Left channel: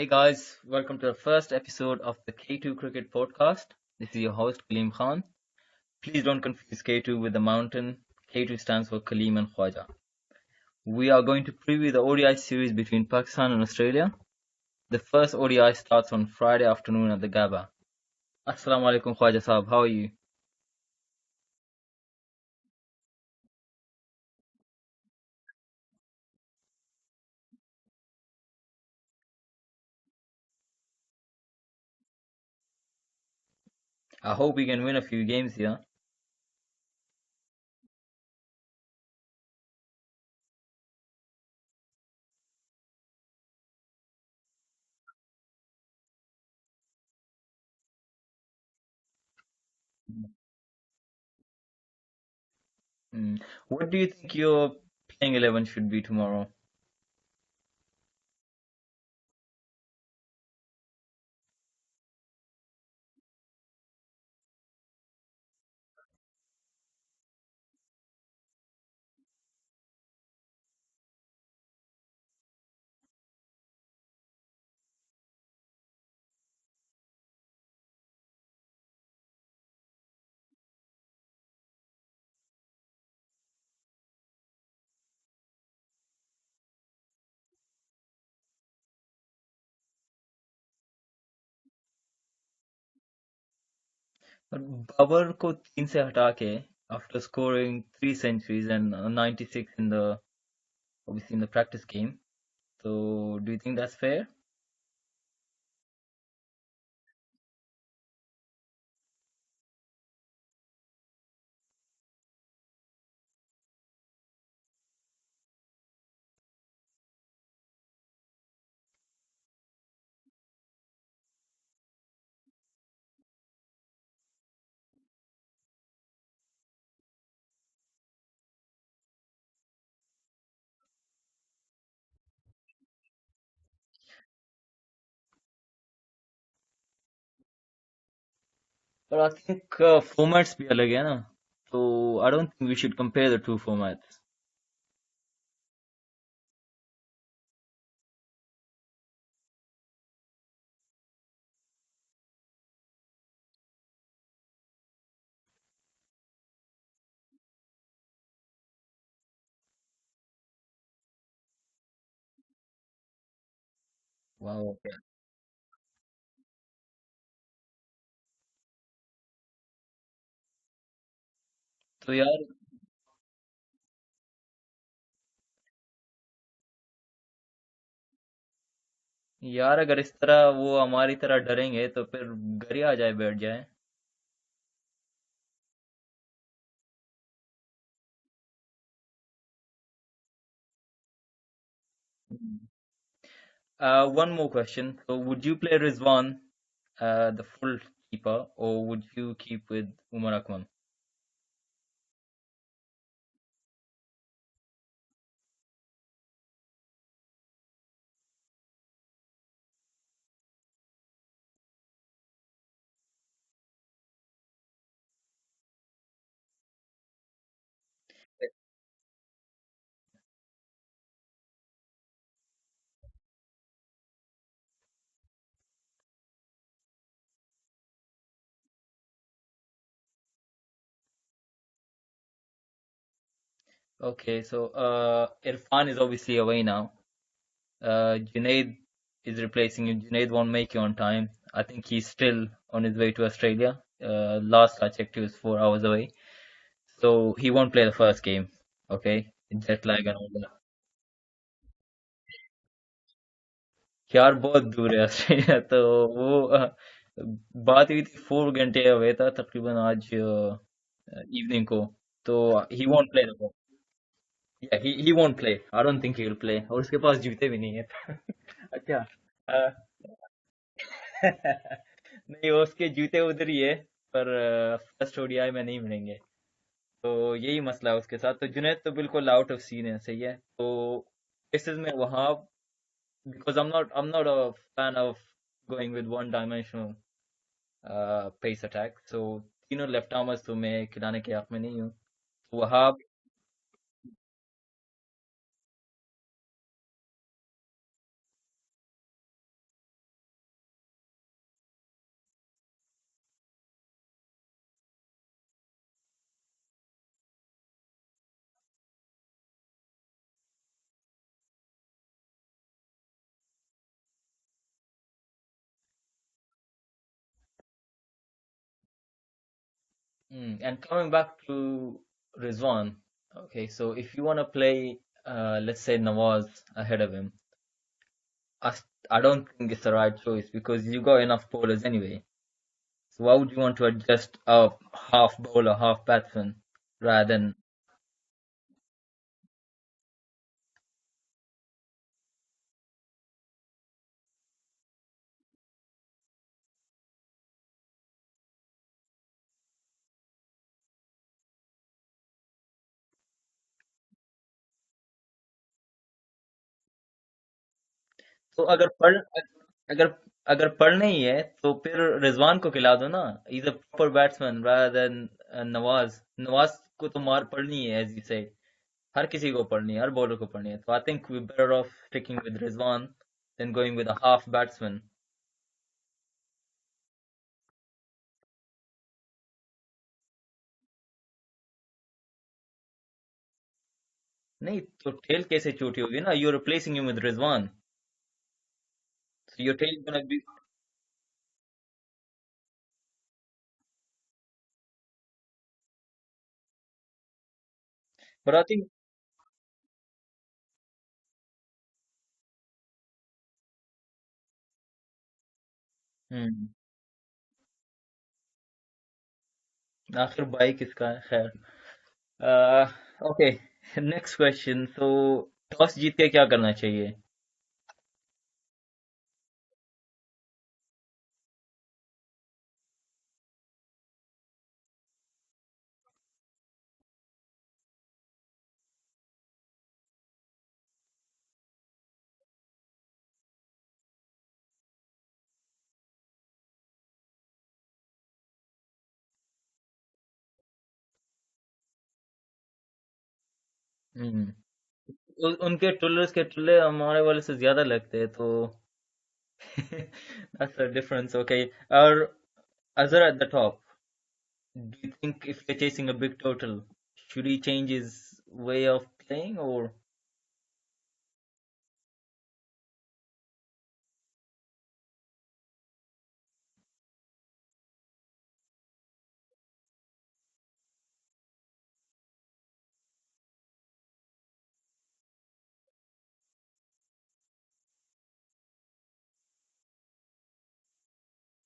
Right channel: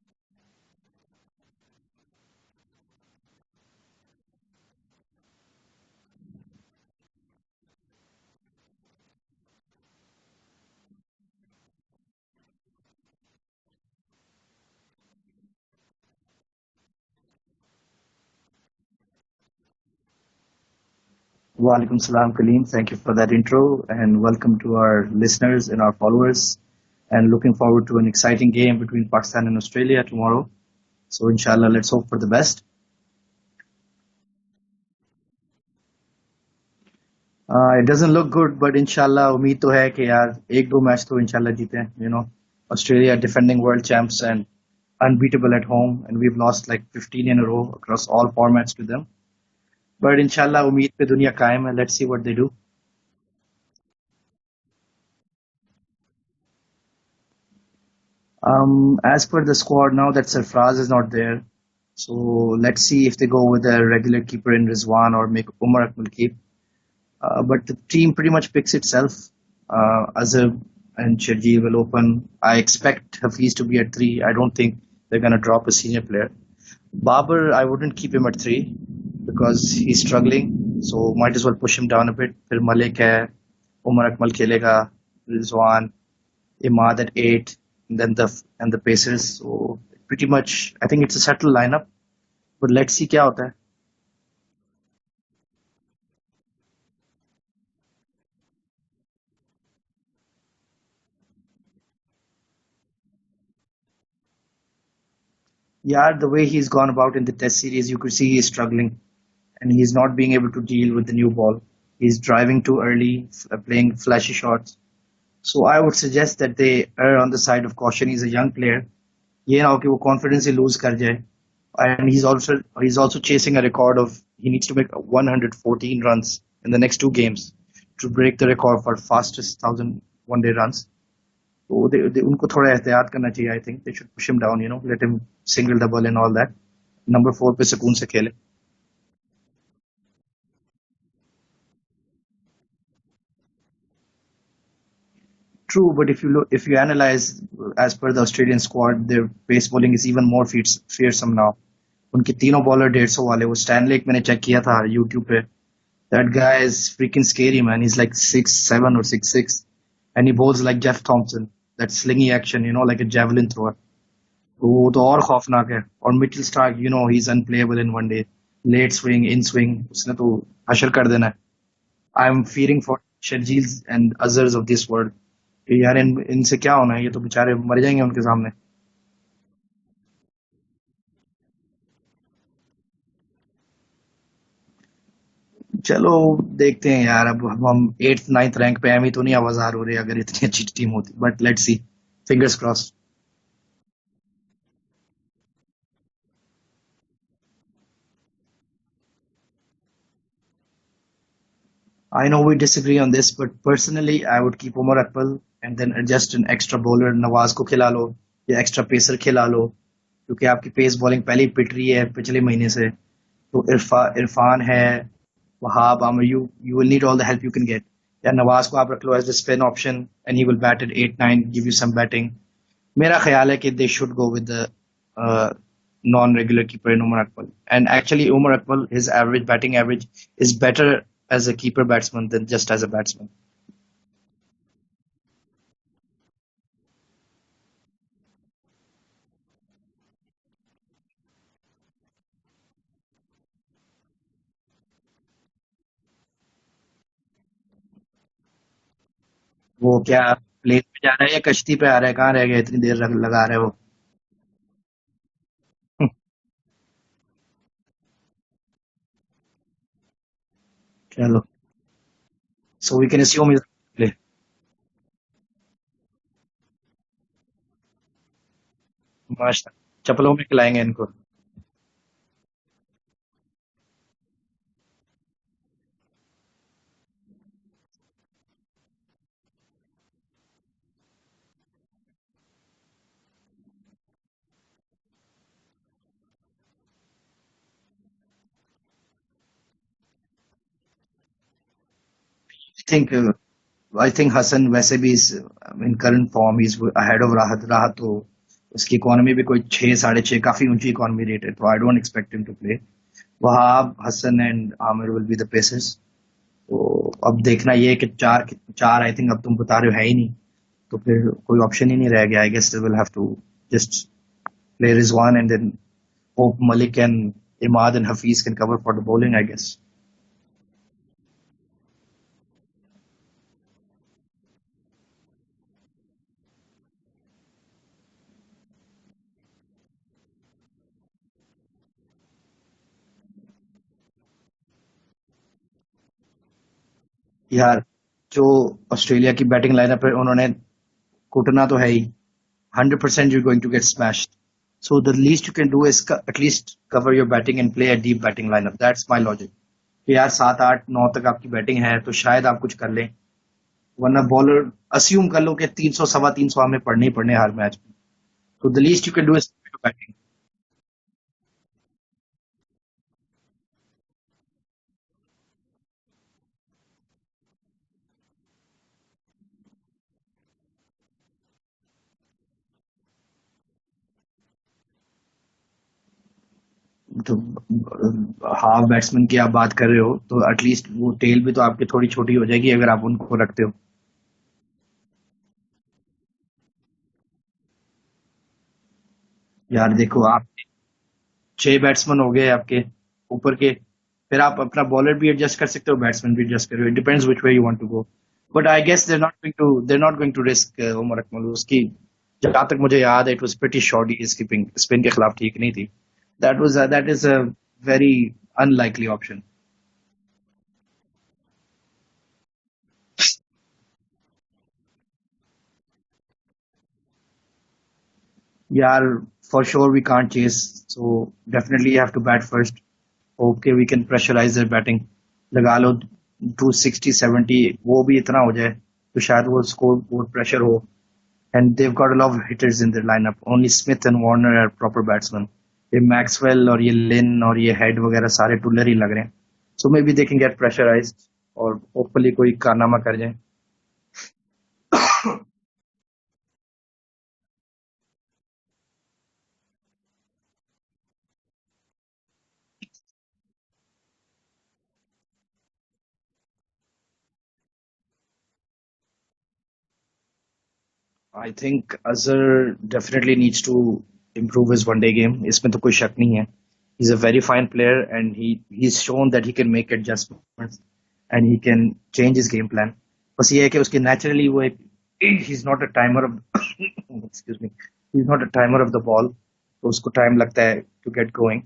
Hey guys, welcome to the first episode of the K2 Cricket Podcast. This is your host Kaleem Khan. Please don't confuse K2 with the mountain. K2 stands for Kaleem and Khwaja. We are going to preview the ODI series between Pakistan and Australia. The first ODI starts on Friday afternoon at the Gabba. Assalamu alaikum Khwaja Saab, how are you? Walaikum salam, Kaleem. Thank you for that intro and welcome to our listeners and our followers. And looking forward to an exciting game between Pakistan and Australia tomorrow. So, inshallah, let's hope for the best. I hope we can win a few games here. It doesn't look good, but inshallah, उम्मीद तो है कि यार एक दो match तो inshallah जीते हैं. Australia defending world champs and unbeatable at home, and we've lost like 15 in a row across all formats to them. But inshallah, उम्मीद पे दुनिया कायम है. Let's see what they do. What do you think your playing 11 should be tomorrow? As per the squad now that Sarfraz is not there, so let's see if they go with a regular keeper in Rizwan or make Umar Akmal keep. But the team pretty much picks itself. Azhar and Sharjeel will open. I expect Hafiz to be at 3. I don't think they're going to drop a senior player. Babar, I wouldn't keep him at 3 because he's struggling. So might as well push him down a bit. Phir Malik hai, Umar Akmal khelega, Rizwan, Imad at 8, and then the Pacers. So pretty much, I think it's a settled lineup. But let's see क्या होता है. बाबर को 3 से हटा के after scoring 3 centuries and 96 in the practice game. So do you think that's fair? Yeah, the way he's gone about in the test series, you could see he's struggling and he's not being able to deal with the new ball. He's driving too early, playing flashy shots. So I would suggest that they err on the side of caution. He's a young player. ये ना हो कि वो confidence ही lose कर जाए. And he's also chasing a record of he needs to make 114 runs in the next 2 games to break the record for fastest 1,000 one-day runs. So उनको थोड़ा एहतियात करना चाहिए. I think they should push him down. Let him single double and all that. Number 4 पे सुकून से खेले. But I think formats भी अलग है ना. So I don't think we should compare the two formats. True, but if you analyze as per the Australian squad, their pace bowling is even more fearsome now. उनके तीनों bowler 150 वाले वो स्टैनलेक मैंने check किया था YouTube पे. That guy is freaking scary, man. He's like 6'7" or 6'6", and he bowls like Jeff Thompson. That slingy action, like a javelin thrower. Wow. तो वो तो और खौफनाक है. और Mitchell Starc, he's unplayable in one day. Late swing, in swing, उसने तो हशर कर देना है. So yeah, I'm fearing for Sharjeels and Azhars of this world. कि यार इनसे क्या होना है, ये तो बेचारे मर जाएंगे उनके सामने. यार अगर इस तरह वो हमारी तरह डरेंगे तो फिर घर ही आ जाए बैठ जाए. चलो देखते हैं यार. अब हम 8th 9th रैंक पे हम ही तो नहीं आवाजार हो रहे अगर इतनी अच्छी टीम होती. But let's see, fingers crossed. One more question. So would you play Rizwan, the full keeper, or would you keep with Umar Akmal? I know we disagree on this, but personally I would keep Umar Akmal and then adjust an extra bowler. Nawaz को खिला लो या extra pacer खिला लो, क्योंकि आपकी pace bowling पहले ही पिट रही है पिछले महीने से. तो इरफान है, Wahab, Aamir, you will need all the help you can get. या नवाज को आप रख लो as the spin option and he will bat at 8-9, give you some batting. मेरा ख्याल है कि they should go with the non-regular keeper in Umar Akmal. And actually Umar Akmal, his batting average is better as a keeper batsman than just as a batsman. Okay, so Irfan is obviously away now. Junaid is replacing him. Junaid won't make it on time. I think he's still on his way to Australia. Last I checked, he was 4 hours away. So he won't play the first game. Okay? Jet वो lag क्या है. Plane पे जा रहा है या कश्ती पे आ रहा है, कहाँ रह गया इतनी देर लगा रहा है वो. यार बहुत दूर है ऑस्ट्रेलिया. तो वो बात हुई थी 4 घंटे हुए था तकरीबन आज चलो, इवनिंग को. तो he so we won't can play the assume first. he's play. Yeah, he won't play. I don't think he will play. और उसके पास जूते भी नहीं है. अच्छा. माश अ, चप्पलों में खिलाएंगे इनको. नहीं, उसके जूते उधर ही है पर फर्स्ट ओडीआई में नहीं मिलेंगे. तो यही मसला है उसके साथ. तो जुनैद तो बिल्कुल आउट ऑफ सीन है. सही है. तो इस में वहां, because I'm not a fan of going with one dimensional pace attack. So तीनों लेफ्ट आर्मर्स तो मैं खिलाने के हक में नहीं हूँ. I Wahab, think I think Hassan वैसे भी is in current form he's ahead of Rahat. Rahat तो उसकी इकोनॉमी भी कोई 6 6.5 काफी ऊंची इकोनॉमी रेट है, तो I don't expect him to play. Wahab Hasan and Amir will be the pacers. तो अब देखना ये है कि चार चार आई थिंक अब तुम बता रहे हो है ही नहीं, तो फिर कोई ऑप्शन ही नहीं रह गया। I guess they will have to just play Rizwan and then hope Malik and Imad and Hafiz can cover for the bowling, I guess. And coming back to Rizwan, okay, so if you want to play, let's say Nawaz ahead of him, I, I don't think it's the right choice because you got enough bowlers anyway. So why would you want to adjust a half bowler, half batsman rather than? यार जो Australia की batting lineup है उन्होंने कूटना तो है ही, 100% you're going to get smashed. So the least you can do is at least cover your batting and play a deep batting lineup. That's my logic. कि यार 7 8 9 तक आपकी बैटिंग है तो शायद आप कुछ कर लें, वरना बॉलर अज्यूम कर लो कि 300 325 हमें पढ़ने ही पढ़ने हर मैच में। तो तो the least you can do is अगर अगर पढ़ना ही है तो फिर रिजवान को खिला दो ना। Is a proper batsman rather than Nawaz. Nawaz को तो मार पड़नी है एज यू से, हर किसी को पढ़नी है, हर बॉलर को पढ़नी है। तो I think we better off sticking with Rizwan than going with a half batsman. तो हाफ बैट्समैन की आप बात कर रहे हो तो एटलीस्ट वो टेल भी तो आपकी थोड़ी छोटी हो जाएगी अगर आप उनको रखते हो। नहीं तो टेल कैसे छोटी होगी ना, you are replacing him with Rizwan, so your यार टेल इज गोना देखो बी। आप 6 बैट्समैन हो गए आपके ऊपर के, फिर आप अपना बॉलर भी एडजस्ट कर सकते हो, बैट्समैन भी एडजस्ट करो, it depends which way you want to go. But I but I think guess they not going to risk Umar Akmal. उसकी जहां तक मुझे याद है it was pretty shorty, skipping spin के खिलाफ ठीक नहीं थी। That is a very unlikely option. आखिर भाई किसका है, खैर। Okay, next question. तो टॉस जीत के क्या करना चाहिए? यार for sure we can't chase, so definitely you have to bat first. Okay we can pressurise their batting, लगा लो 260 70, वो भी इतना हो जाए तो शायद वो स्कोर वो प्रेशर हो। And they've got a lot of hitters in their lineup, only Smith and Warner are proper batsman. ये मैक्सवेल और ये लिन और ये हेड वगैरह सारे टुल्लर ही लग रहे हैं, so maybe they can get pressurised और होपफुली कोई कारनामा कर जाए। हम्म। उनके टुल्लर्स के टुल्ले हमारे वाले से ज्यादा लगते हैं, तो that's the difference. Okay, or Azhar at the top, do you think if you're chasing a big total, should he change his way of playing or? I think Azhar definitely needs to improve his one day game, इसमें तो कोई शक नहीं है। he's a very fine player and he's shown that he can make adjustments and he can change his game plan. बस ये है कि उसके naturally वो एक he's not a timer of excuse me, he's not a timer of the ball, तो उसको time लगता है to get going,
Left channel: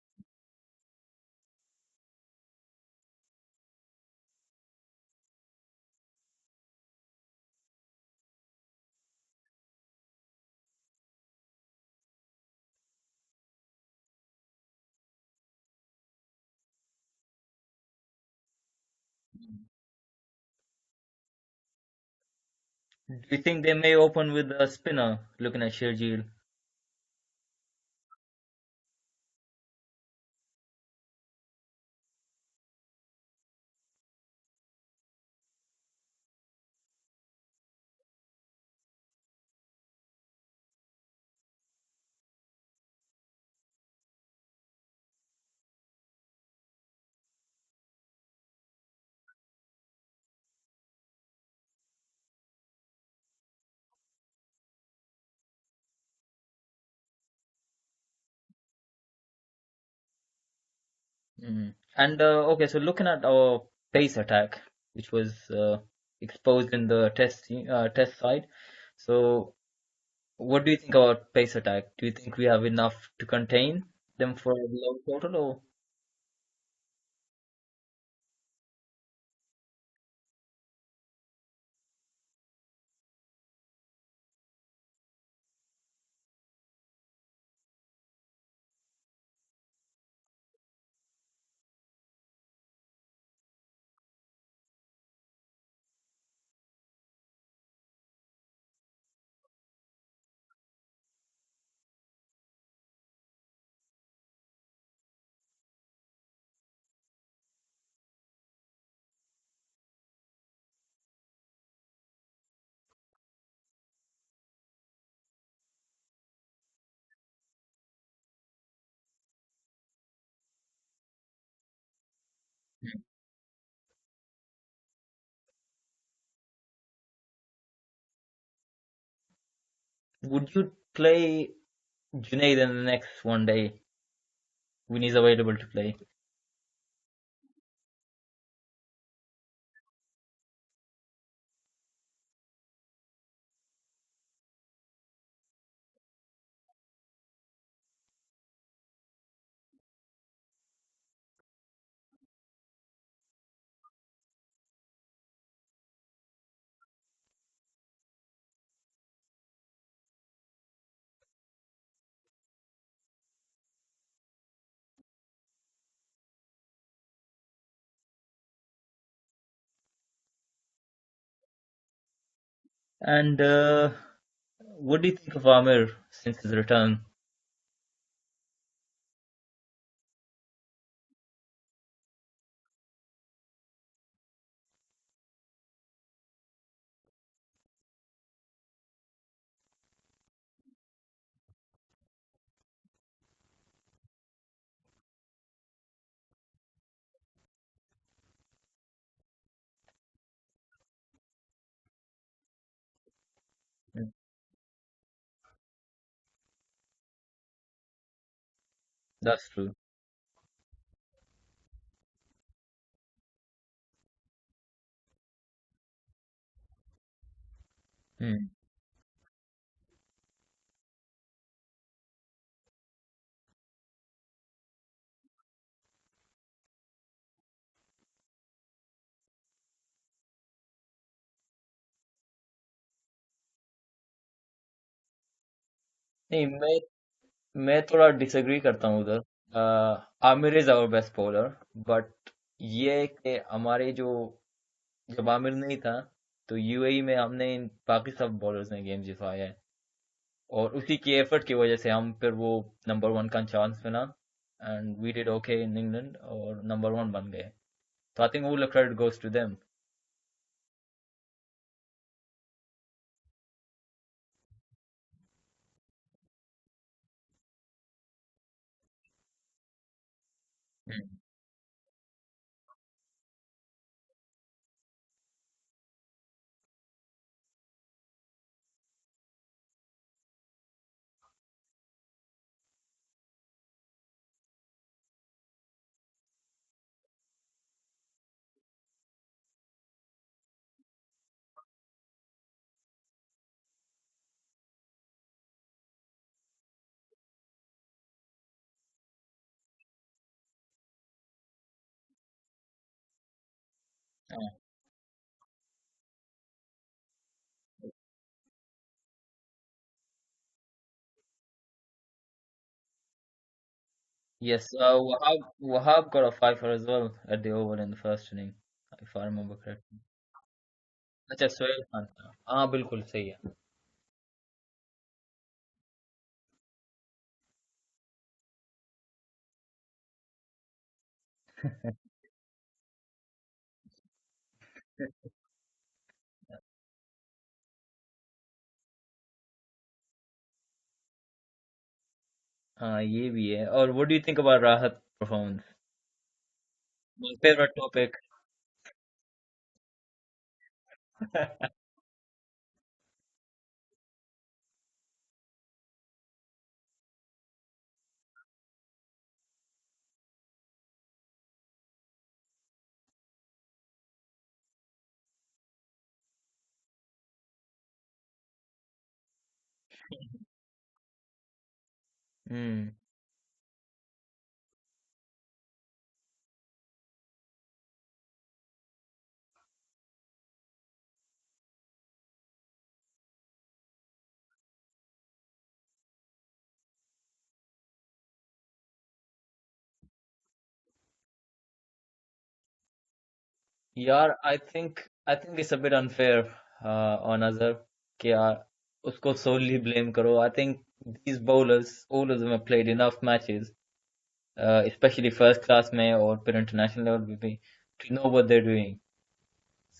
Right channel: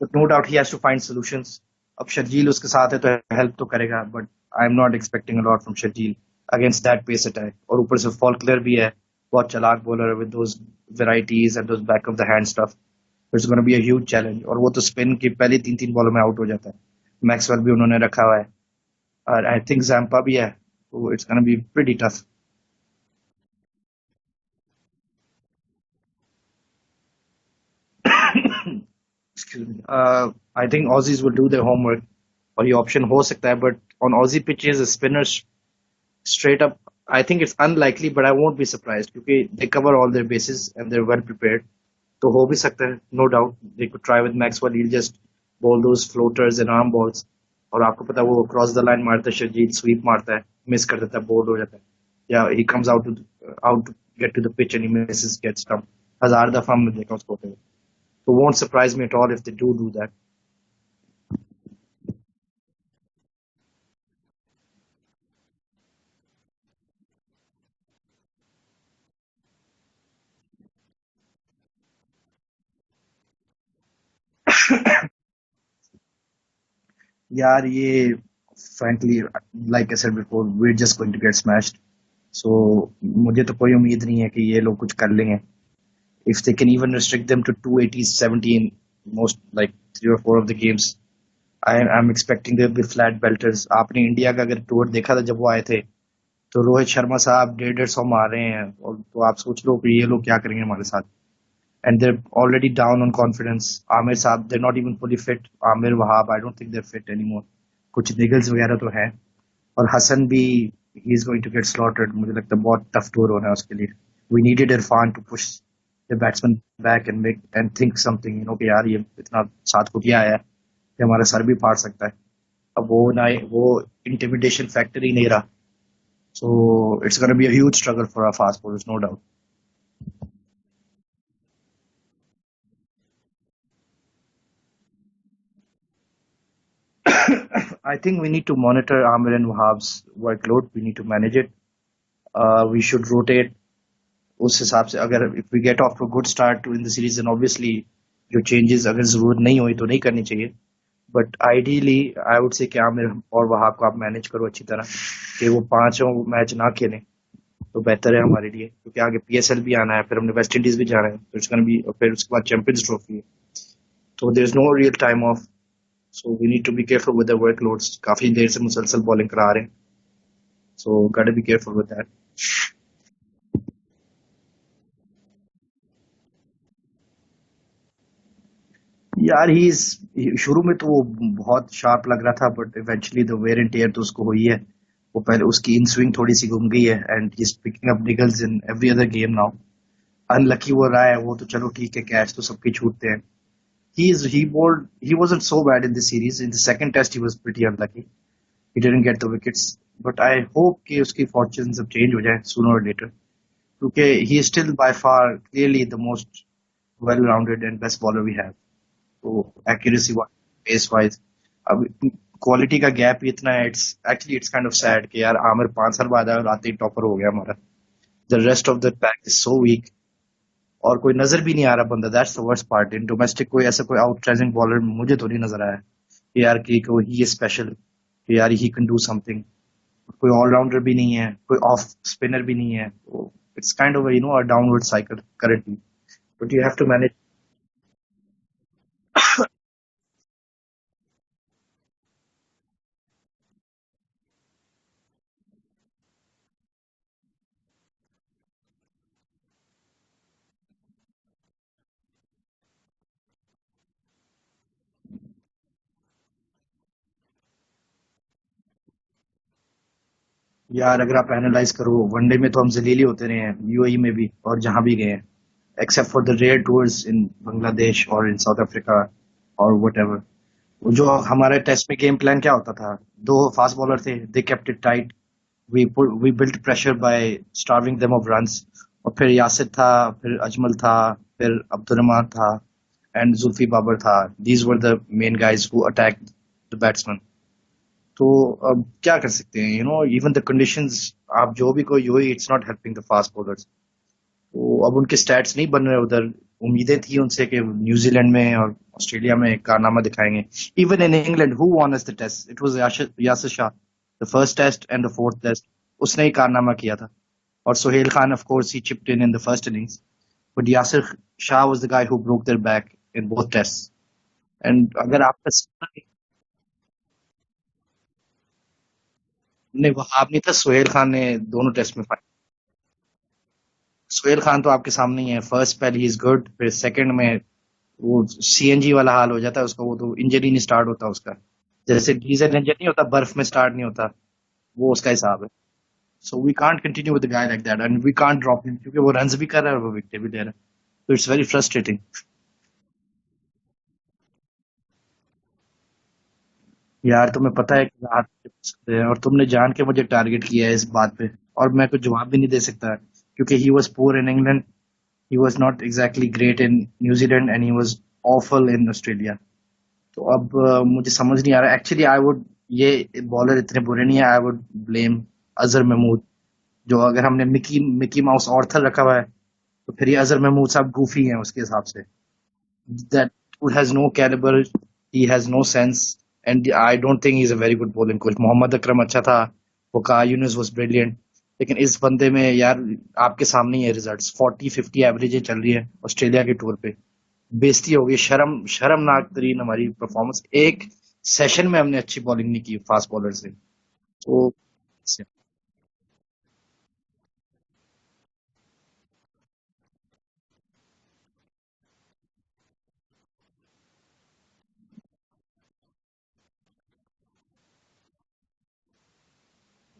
but no doubt he has to find solutions. अब शर्जील उसके साथ है तो हेल्प तो करेगा, but I am not expecting a lot from Sharjeel against that pace attack. और ऊपर से फॉल्कनर भी है, बहुत चालाक bowler with those varieties and those back of the hand stuff. It's gonna be a huge challenge, और वो तो स्पिन की पहली 3 3 बॉलों में आउट हो जाता है। मैक्सवेल भी उन्होंने रखा हुआ है और आई थिंक जैम्पा भी है, तो it's gonna be pretty tough. Do you think they may open with a spinner looking at Shergill? Excuse me. I think Aussies will do their homework और ये ऑप्शन हो सकता है, but on Aussie pitches spinner straight up, I think it's unlikely, but I won't be surprised क्योंकि they cover all their bases and they're well prepared. तो हो भी सकता है, no doubt they could try with Maxwell. He'll just bowl those floaters and arm balls, और आपको पता है वो क्रॉस द लाइन मारता है, शर्जील स्वीप मारता है, मिस कर देता है, बोल्ड हो जाता है, या he comes out to get to the pitch and he misses, gets stumped। 1000 दफा हमने देखा उसको होते हुए, so won't surprise me at all if they do that। And okay, so looking at our pace attack, which was exposed in the test side, so what do you think about pace attack? Do you think we have enough to contain them for the total, or? यार ये frankly, like I said before, we're just going to get smashed. So मुझे तो कोई उम्मीद नहीं है कि ये लोग कुछ कर लेंगे। If they can even restrict them to 280 70 in most like 3 or 4 of the games, I'm expecting there will be flat belters। आपने इंडिया का अगर टूर देखा था जब वो आए थे, तो रोहित शर्मा साहब 150 मार रहे हैं, और तो आप सोच लो कि ये लोग क्या करेंगे हमारे साथ। And they're already down on confidence। Aamir साहब they're not even fully fit। Aamir Wahab I don't think they're fit anymore। कुछ निगल्स वगैरह तो है, और हसन भी he is going to get slaughtered। मुझे लगता है बहुत टफ टूर होना है उसके लिए। We needed Irfan to push the batsman back and make and think something, कि यार ये इतना 7 फुटिया आया है कि हमारा सर भी फाड़ सकता है. अब वो इंटिमिडेशन फैक्टर ही नहीं रहा. So it's going to be a huge struggle for our fast bowlers, no doubt. Would you play Junaid in the next one day when he's available to play? I think we need to monitor Amir and Wahab's workload. We need to manage it. We should rotate. उस हिसाब से अगर if we get off to a good start in the series, then obviously जो changes अगर जरूरत नहीं हुई तो नहीं करनी चाहिए. But ideally, I would say कि आमिर और वहाब को आप मैनेज करो अच्छी तरह कि वो 5 मैच ना खेलें तो बेहतर है हमारे लिए, क्योंकि आगे PSL भी आना है, फिर हमने वेस्ट इंडीज भी जाना है, तो इट्स गोना बी, फिर उसके बाद चैंपियंस ट्रॉफी है, तो there is no real time off. So we need to be careful with the workloads. काफी देर से मुसलसल बॉलिंग करा रहे हैं, so got to be careful with that. And what do you think of Amir since his return? यार शुरू में तो वो बहुत शार्प लग रहा था, but eventually the wear and tear तो उसको हुई है. वो पहले उसकी इन स्विंग थोड़ी सी घूम गई है and he is picking up Nicholls in every other game now. Unlucky वो रहा है वो तो चलो ठीक है, कैच तो सबके छूटते हैं. He wasn't so bad in the series. In the second test he was pretty unlucky. He didn't get the wickets, but I hope कि उसकी fortunes अब change हो जाए sooner or later, क्योंकि he is still by far clearly the most well-rounded and best bowler we have. तो That's true. accuracy wise, pace wise, अब quality का gap इतना है. It's kind of sad कि यार आमिर 5 साल बाद आया और आते ही टॉपर हो गया हमारा. The rest of the pack is so weak और कोई नजर भी नहीं आ रहा बंदा. That's the worst part. In domestic कोई ऐसा कोई आउटस्टैंडिंग बॉलर मुझे तो नहीं नजर आया कि यार कि कोई ही स्पेशल, कि यार ही कैन डू समथिंग. कोई ऑलराउंडर भी नहीं है, कोई ऑफ स्पिनर भी नहीं है. तो it's kind of a downward cycle currently, नहीं, but you have to manage. मैं थोड़ा डिसएग्री करता हूँ उधर. Aamir is our best bowler, but ये कि हमारे जो जब आमिर नहीं था तो यूएई में हमने इन बाकी सब बॉलर्स ने गेम जिताया है, और उसी की एफर्ट की वजह से हम फिर वो नंबर 1 का चांस मिला and we did okay in England और नंबर 1 बन गए. तो I think all the credit goes to them. यार अगर आप एनालाइज करो, वनडे में तो हम जलीली होते रहे हैं यूएई में भी और जहां भी गए हैं, except for the rare tours in Bangladesh or in South Africa or whatever. जो हमारे टेस्ट में गेम प्लान क्या होता था, 2 फास्ट बॉलर थे, they kept it tight. We built pressure by starving them of runs. और फिर यासिर था, फिर अजमल था, फिर अब्दुर्रहमान था and जुल्फी बाबर था. These were the main guys who attacked the batsman. तो अब क्या कर सकते हैं, even the conditions, आप जो भी कोई UAE, it's not helping the fast bowlers. तो अब उनके स्टैट्स नहीं बन रहे उधर. उम्मीदें थी उनसे कि न्यूजीलैंड में और ऑस्ट्रेलिया में कारनामा दिखाएंगे. Even in England who won us the test? It was Yasir Shah. The first test and the fourth test उसने ही कारनामा किया था. और Sohail Khan, of course, he chipped in the first innings, but Yasir Shah was the guy who broke their back in both tests. Yes, And अगर आप Wahab got a fifer as well at the over in the first inning, if I remember correctly. नहीं, वहाब नहीं था, सोहेल खान ने अच्छा, दोनों Sohail test में खान पाया. था. हाँ बिल्कुल सही है. सोहेल खान तो आपके सामने ही है. First spell he is good, फिर सेकंड में वो सीएनजी वाला हाल हो जाता है उसका. वो तो इंजरी नहीं स्टार्ट होता उसका, जैसे डीजल इंजन नहीं होता, बर्फ में स्टार्ट नहीं होता, वो उसका हिसाब है. So we can't continue with the guy like that and we can't drop him, क्योंकि वो रन्स भी कर रहा है और वो विकेट भी ले रहा है. तो इट्स वेरी फ्रस्ट्रेटिंग. हाँ ये भी है. और what do you think about राहत परफॉर्मेंस? यार तुम्हें फेवरेट पता है कि टॉपिक. आप सकते हैं, और तुमने जान के मुझे टारगेट किया है इस बात पे, और मैं कुछ जवाब भी नहीं दे सकता, क्योंकि he was poor in England, he was not exactly great in New Zealand and he was awful in Australia. तो अब मुझे समझ नहीं आ रहा एक्चुअली. आई वुड, ये बॉलर इतने बुरे नहीं है. I would blame Azhar Mahmood. जो अगर हमने मिकी माउस ऑर्थर रखा हुआ है, तो फिर ये अजहर महमूद साहब गूफी हैं उसके हिसाब से. That has no caliber, he has no sense, and I don't think he's a very good bowling coach. Mohammad Akram अच्छा था, वकार यूनुस was brilliant, लेकिन इस बंदे में यार आपके सामने ही है रिजल्ट्स. 40-50 एवरेज चल रही है ऑस्ट्रेलिया के टूर पे. बेइज्जती हो गई, शर्मनाक तरीन हमारी परफॉर्मेंस. एक सेशन में हमने अच्छी बॉलिंग नहीं की फास्ट बॉलर से. यार तो I think it's a bit unfair on Azhar कि उसको solely blame करो. I think these bowlers, all of them have played enough matches, especially first class में और फिर इंटरनेशनल लेवल पे भी, to know what they're doing.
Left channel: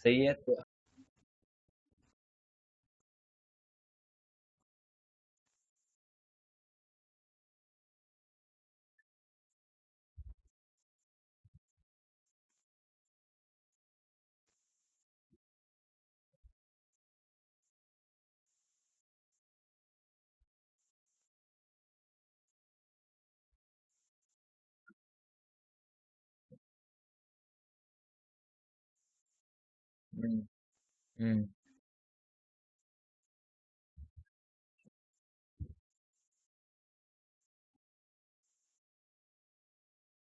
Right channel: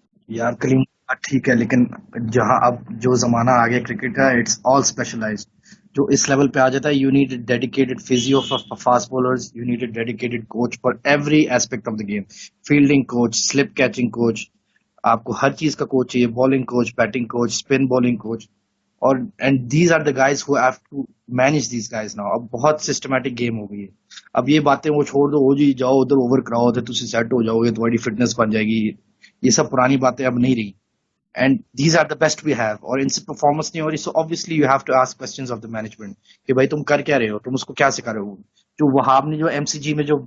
सही है. यार कलीम ठीक है, लेकिन जहां अब जो जमाना आ गया क्रिकेट का, इट्स ऑल स्पेशलाइज्ड. जो इस लेवल पे आ जाता है, you need dedicated physio for fast bowlers, you need dedicated coach for every aspect of the game, fielding coach, slip catching coach, आपको हर चीज का कोच चाहिए, bowling coach, batting coach, spin bowling coach. और and these are the guys who have to manage these guys now. अब बहुत systematic game हो गई है। अब ये बातें वो छोड़ दो, हो जी जाओ उधर ओवर कराओ उधर, तुम सेट हो जाओगे, तुम्हारी फिटनेस बन जाएगी, ये सब पुरानी बातें अब नहीं रही। Hmm. And these are the best we have, और इनसे परफॉर्मेंस नहीं हो रही, so obviously you have to ask questions of the management कि भाई तुम कर क्या रहे हो, तुम उसको क्या सिखा रहे हो। जो वहाब ने जो एमसीजी में जो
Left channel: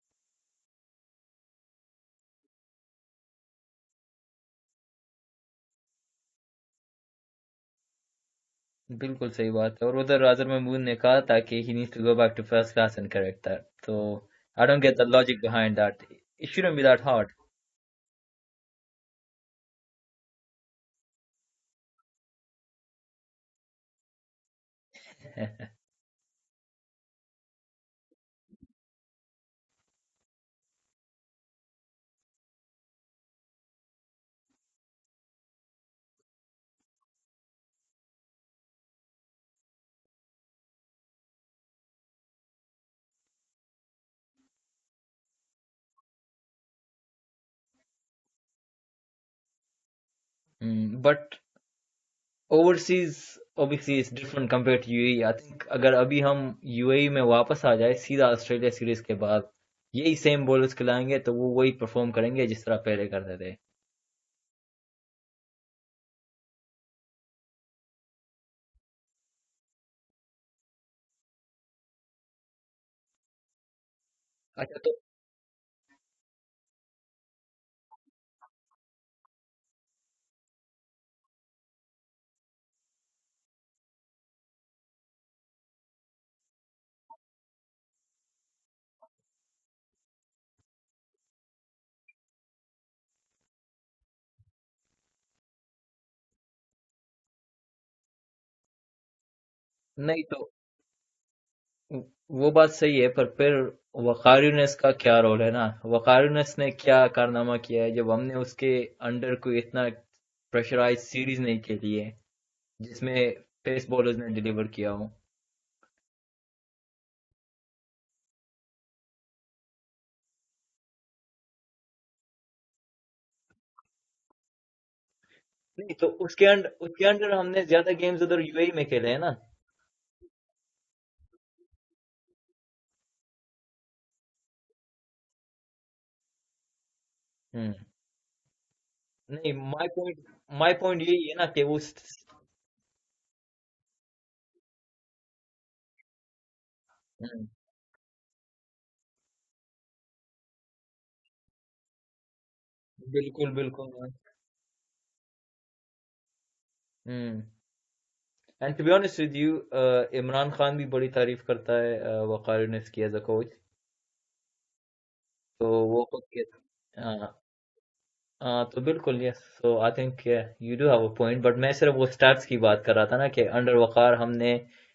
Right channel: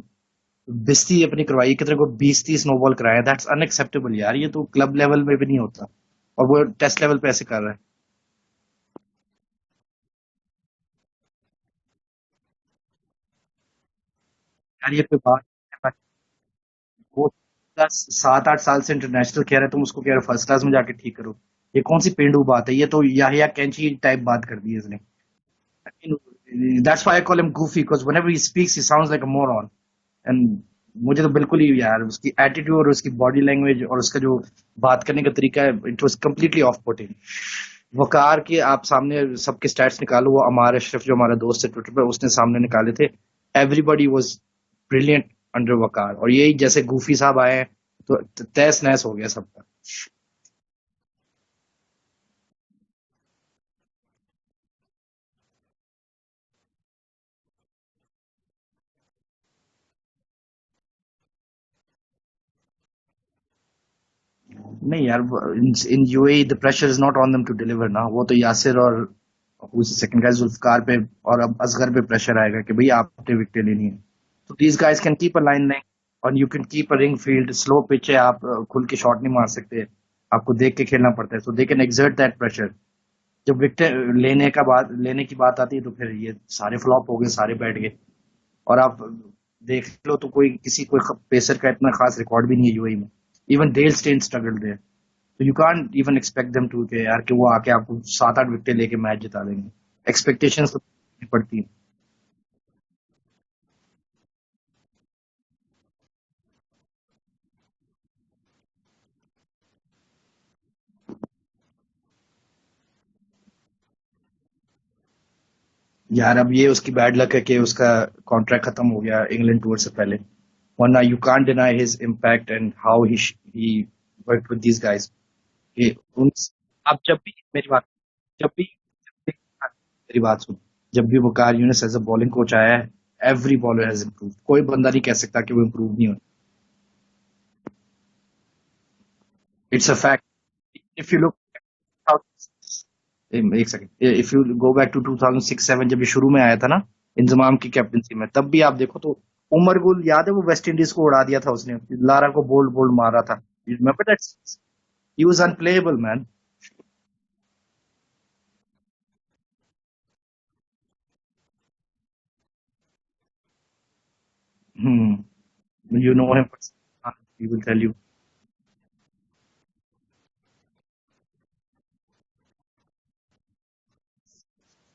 बिस्ती अपनी करवाई, कितने को 20-30 नो बॉल कराया, दैट्स अनएक्सेप्टेबल यार, ये तो क्लब लेवल में भी नहीं होता, और वो टेस्ट लेवल पे ऐसे कर रहा है। बिल्कुल सही बात है। और उधर अजहर महमूद ने कहा था कि he needs to go back to first class and correct that. तो आई डोंट यार गेट ये द कोई लॉजिक बात बिहाइंड है? That. It shouldn't be that वो हार्ड। 7-8 साल से इंटरनेशनल खेल रहा है, तुम उसको कह रहे हो फर्स्ट क्लास में जाके ठीक करो। ये कौन सी पेंडू बात है, ये तो याहिया कैंची टाइप बात कर दी है इसने। That's why I call him Goofy, because whenever he speaks he sounds like a moron. And मुझे तो बिल्कुल ही यार उसकी एटीट्यूड और उसकी बॉडी लैंग्वेज और उसका जो बात करने का तरीका है, it was completely off putting. Waqar के आप सामने सबके स्टैट्स निकालो, वो अमार अशरफ जो हमारा दोस्त है ट्विटर पे, उसने सामने निकाले थे। एवरीबॉडी वाज ब्रिलियंट अंडर वकार, और यही जैसे गूफी साहब आए हैं, तो तहस नहस हो गया सबका। But overseas obviously it's different compared to UAE. I think अगर अभी हम यूएई में वापस आ जाए सीधा ऑस्ट्रेलिया सीरीज के बाद, यही सेम बॉलर्स खिलाएंगे तो वो वही परफॉर्म करेंगे जिस तरह पहले करते थे। नहीं यार, in UAE the pressure is not on them to deliver ना, वो तो यासिर और उस सेकंड गाय जुल्फकार पे और अब असगर पे प्रेशर आएगा कि भाई आपने विकेट लेनी है। तो दीज अच्छा। Guys can keep a line line, और you can keep a ring field, slow pitch है, आप खुल के शॉट नहीं मार सकते, आपको देख के खेलना पड़ता है, so they can exert that pressure. जब विकेट लेने की बात आती है, तो फिर ये सारे फ्लॉप हो गए, सारे बैठ गए। और आप देख लो तो कोई पेसर का इतना खास रिकॉर्ड भी नहीं है यूएई में। Even Dale Steyn struggled there, तो you can't even expect them to के यार कि वो आके आपको 7-8 विकेट लेके मैच जिता देंगे। नहीं तो एक्सपेक्टेशंस तो पड़ती है। वो बात सही है, पर फिर वकार यूनिस का क्या रोल है ना। वकार यूनिस ने क्या कारनामा किया है जब हमने उसके अंडर कोई इतना प्रेशराइज सीरीज नहीं खेली है जिसमें पेस बॉलर्स ने डिलीवर किया हो। यार अब ये उसकी बैड लक है कि उसका कॉन्ट्रैक्ट खत्म हो गया इंग्लैंड टूर से पहले, वरना you can't deny his impact and how he worked with these guys. तो उन अब उसके जब अंडर भी हमने मेरी बात ज्यादा गेम्स उधर जब भी यूएई में खेले हैं ना। मेरी बात सुन, जब भी Waqar Younis as a bowling coach आया है, एवरी बॉलर हैज इंप्रूव, कोई बंदा नहीं कह सकता कि वो इंप्रूव नहीं हो। हम्म। नहीं, it's a fact. My point if you यही है लुक ना कि वो एक second, if you go back to 2006-7, जब ये शुरू में आया था ना इंजमाम की कैप्टनसी में, तब भी आप देखो तो उमर गुल याद है, वो वेस्ट इंडीज को उड़ा दिया था उसने, लारा को बोल्ड बोल्ड मारा था। बिल्कुल बिल्कुल remember that, he was unplayable man. Hmm. And to be honest with you, Imran Khan भी बड़ी तारीफ करता है वकार यूनिस की एज अ कोच। तो वो यू खुद नो भी हिम, हाँ। He will tell you. हाँ तो बिल्कुल yes, so I think you do have a point, but मैं सिर्फ वो स्टैट्स की बात कर रहा था ना कि अंडर वकार हमने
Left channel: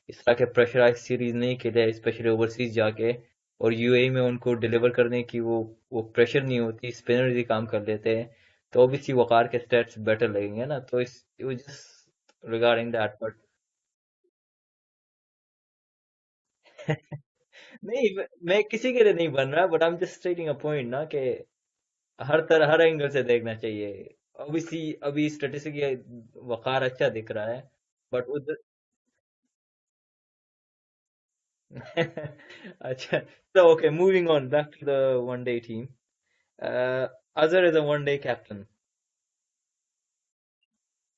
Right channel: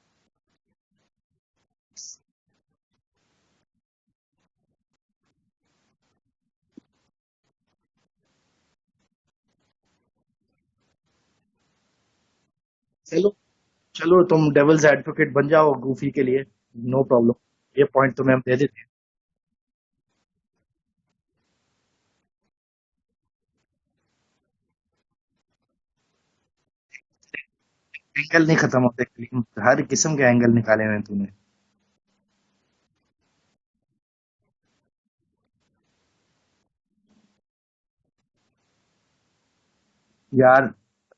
इस तरह के प्रेशराइज सीरीज नहीं खेले, स्पेशली ओवरसीज जाके। और यूएई में उनको डिलीवर करने की वो प्रेशर नहीं होती, स्पिनर्स ही काम कर लेते हैं। तो ऑब्वियसली वकार के स्टैट्स बेटर लगेंगे ना, तो इस जस्ट रिगार्डिंग दैट। चलो, चलो तुम डेविल्स एडवोकेट बन जाओ गूफी के लिए, नो प्रॉब्लम, ये नहीं, पॉइंट तुम्हें हम दे मैं देते किसी के लिए नहीं बन रहा, but I am just stating a point ना कि हर एंगल से देखना चाहिए। ऑब्वियसली अभी स्टैटिस्टिक वकार अच्छा दिख रहा है, हैं। बट एंगल उस नहीं खत्म होते कलीम, हर किस्म के एंगल निकाले हुए हैं तूने। अच्छा। So okay, moving on back to the one day team. Azhar is a one day captain. यार,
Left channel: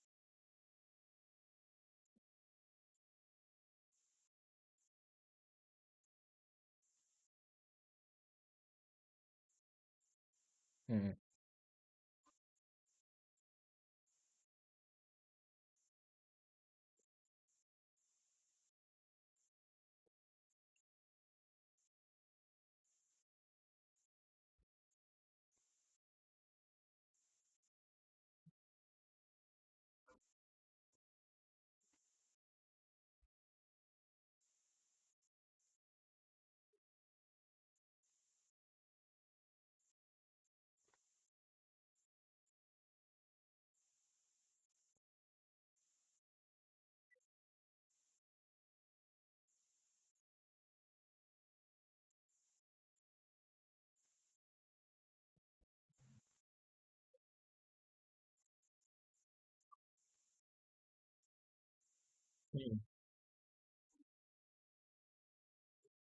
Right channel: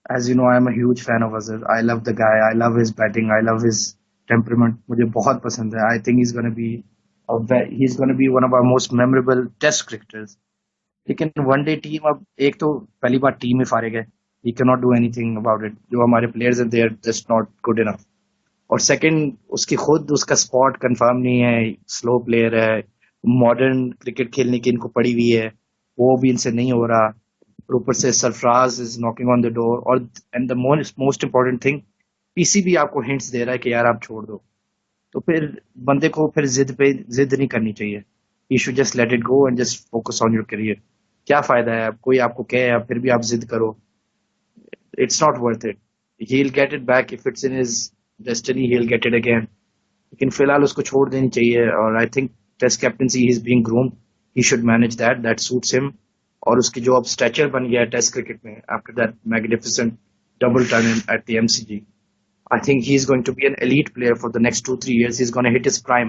as you know, I am a huge fan of Azhar. I love the guy. I love his batting. I love his temperament. मुझे बहुत पसंद है. I think he's gonna be one of our most memorable Test cricketers. Hmm. लेकिन one day team, अब एक तो पहली बार team में फारिग है, he cannot do anything about it. जो हमारे players हैं, they are just not good enough. और सेकंड, उसका स्पॉट कंफर्म नहीं है, स्लो प्लेयर है, मॉडर्न क्रिकेट खेलने की इनको पड़ी हुई है, वो भी इनसे नहीं हो रहा। और ऊपर से Sarfaraz is knocking on the door, और and the most most important thing, PCB आपको हिंट्स दे रहा है कि यार आप छोड़ दो। तो फिर बंदे को फिर जिद नहीं करनी चाहिए। You should just let it go and just focus on your career. क्या फायदा है, कोई आपको कहे फिर भी आप जिद करो, it's not worth it. He will get it back if it's in his destiny he will get it again, लेकिन फिलहाल उसको छोड़ देनी चाहिए। और I think test captaincy he is being groomed, he should manage that suits him. और उसकी जो अब स्टैचर बन गया है टेस्ट क्रिकेट में after that magnificent double turn at the MCG, I think he's going to be an elite player for the next 2-3 years. He's going to hit his prime.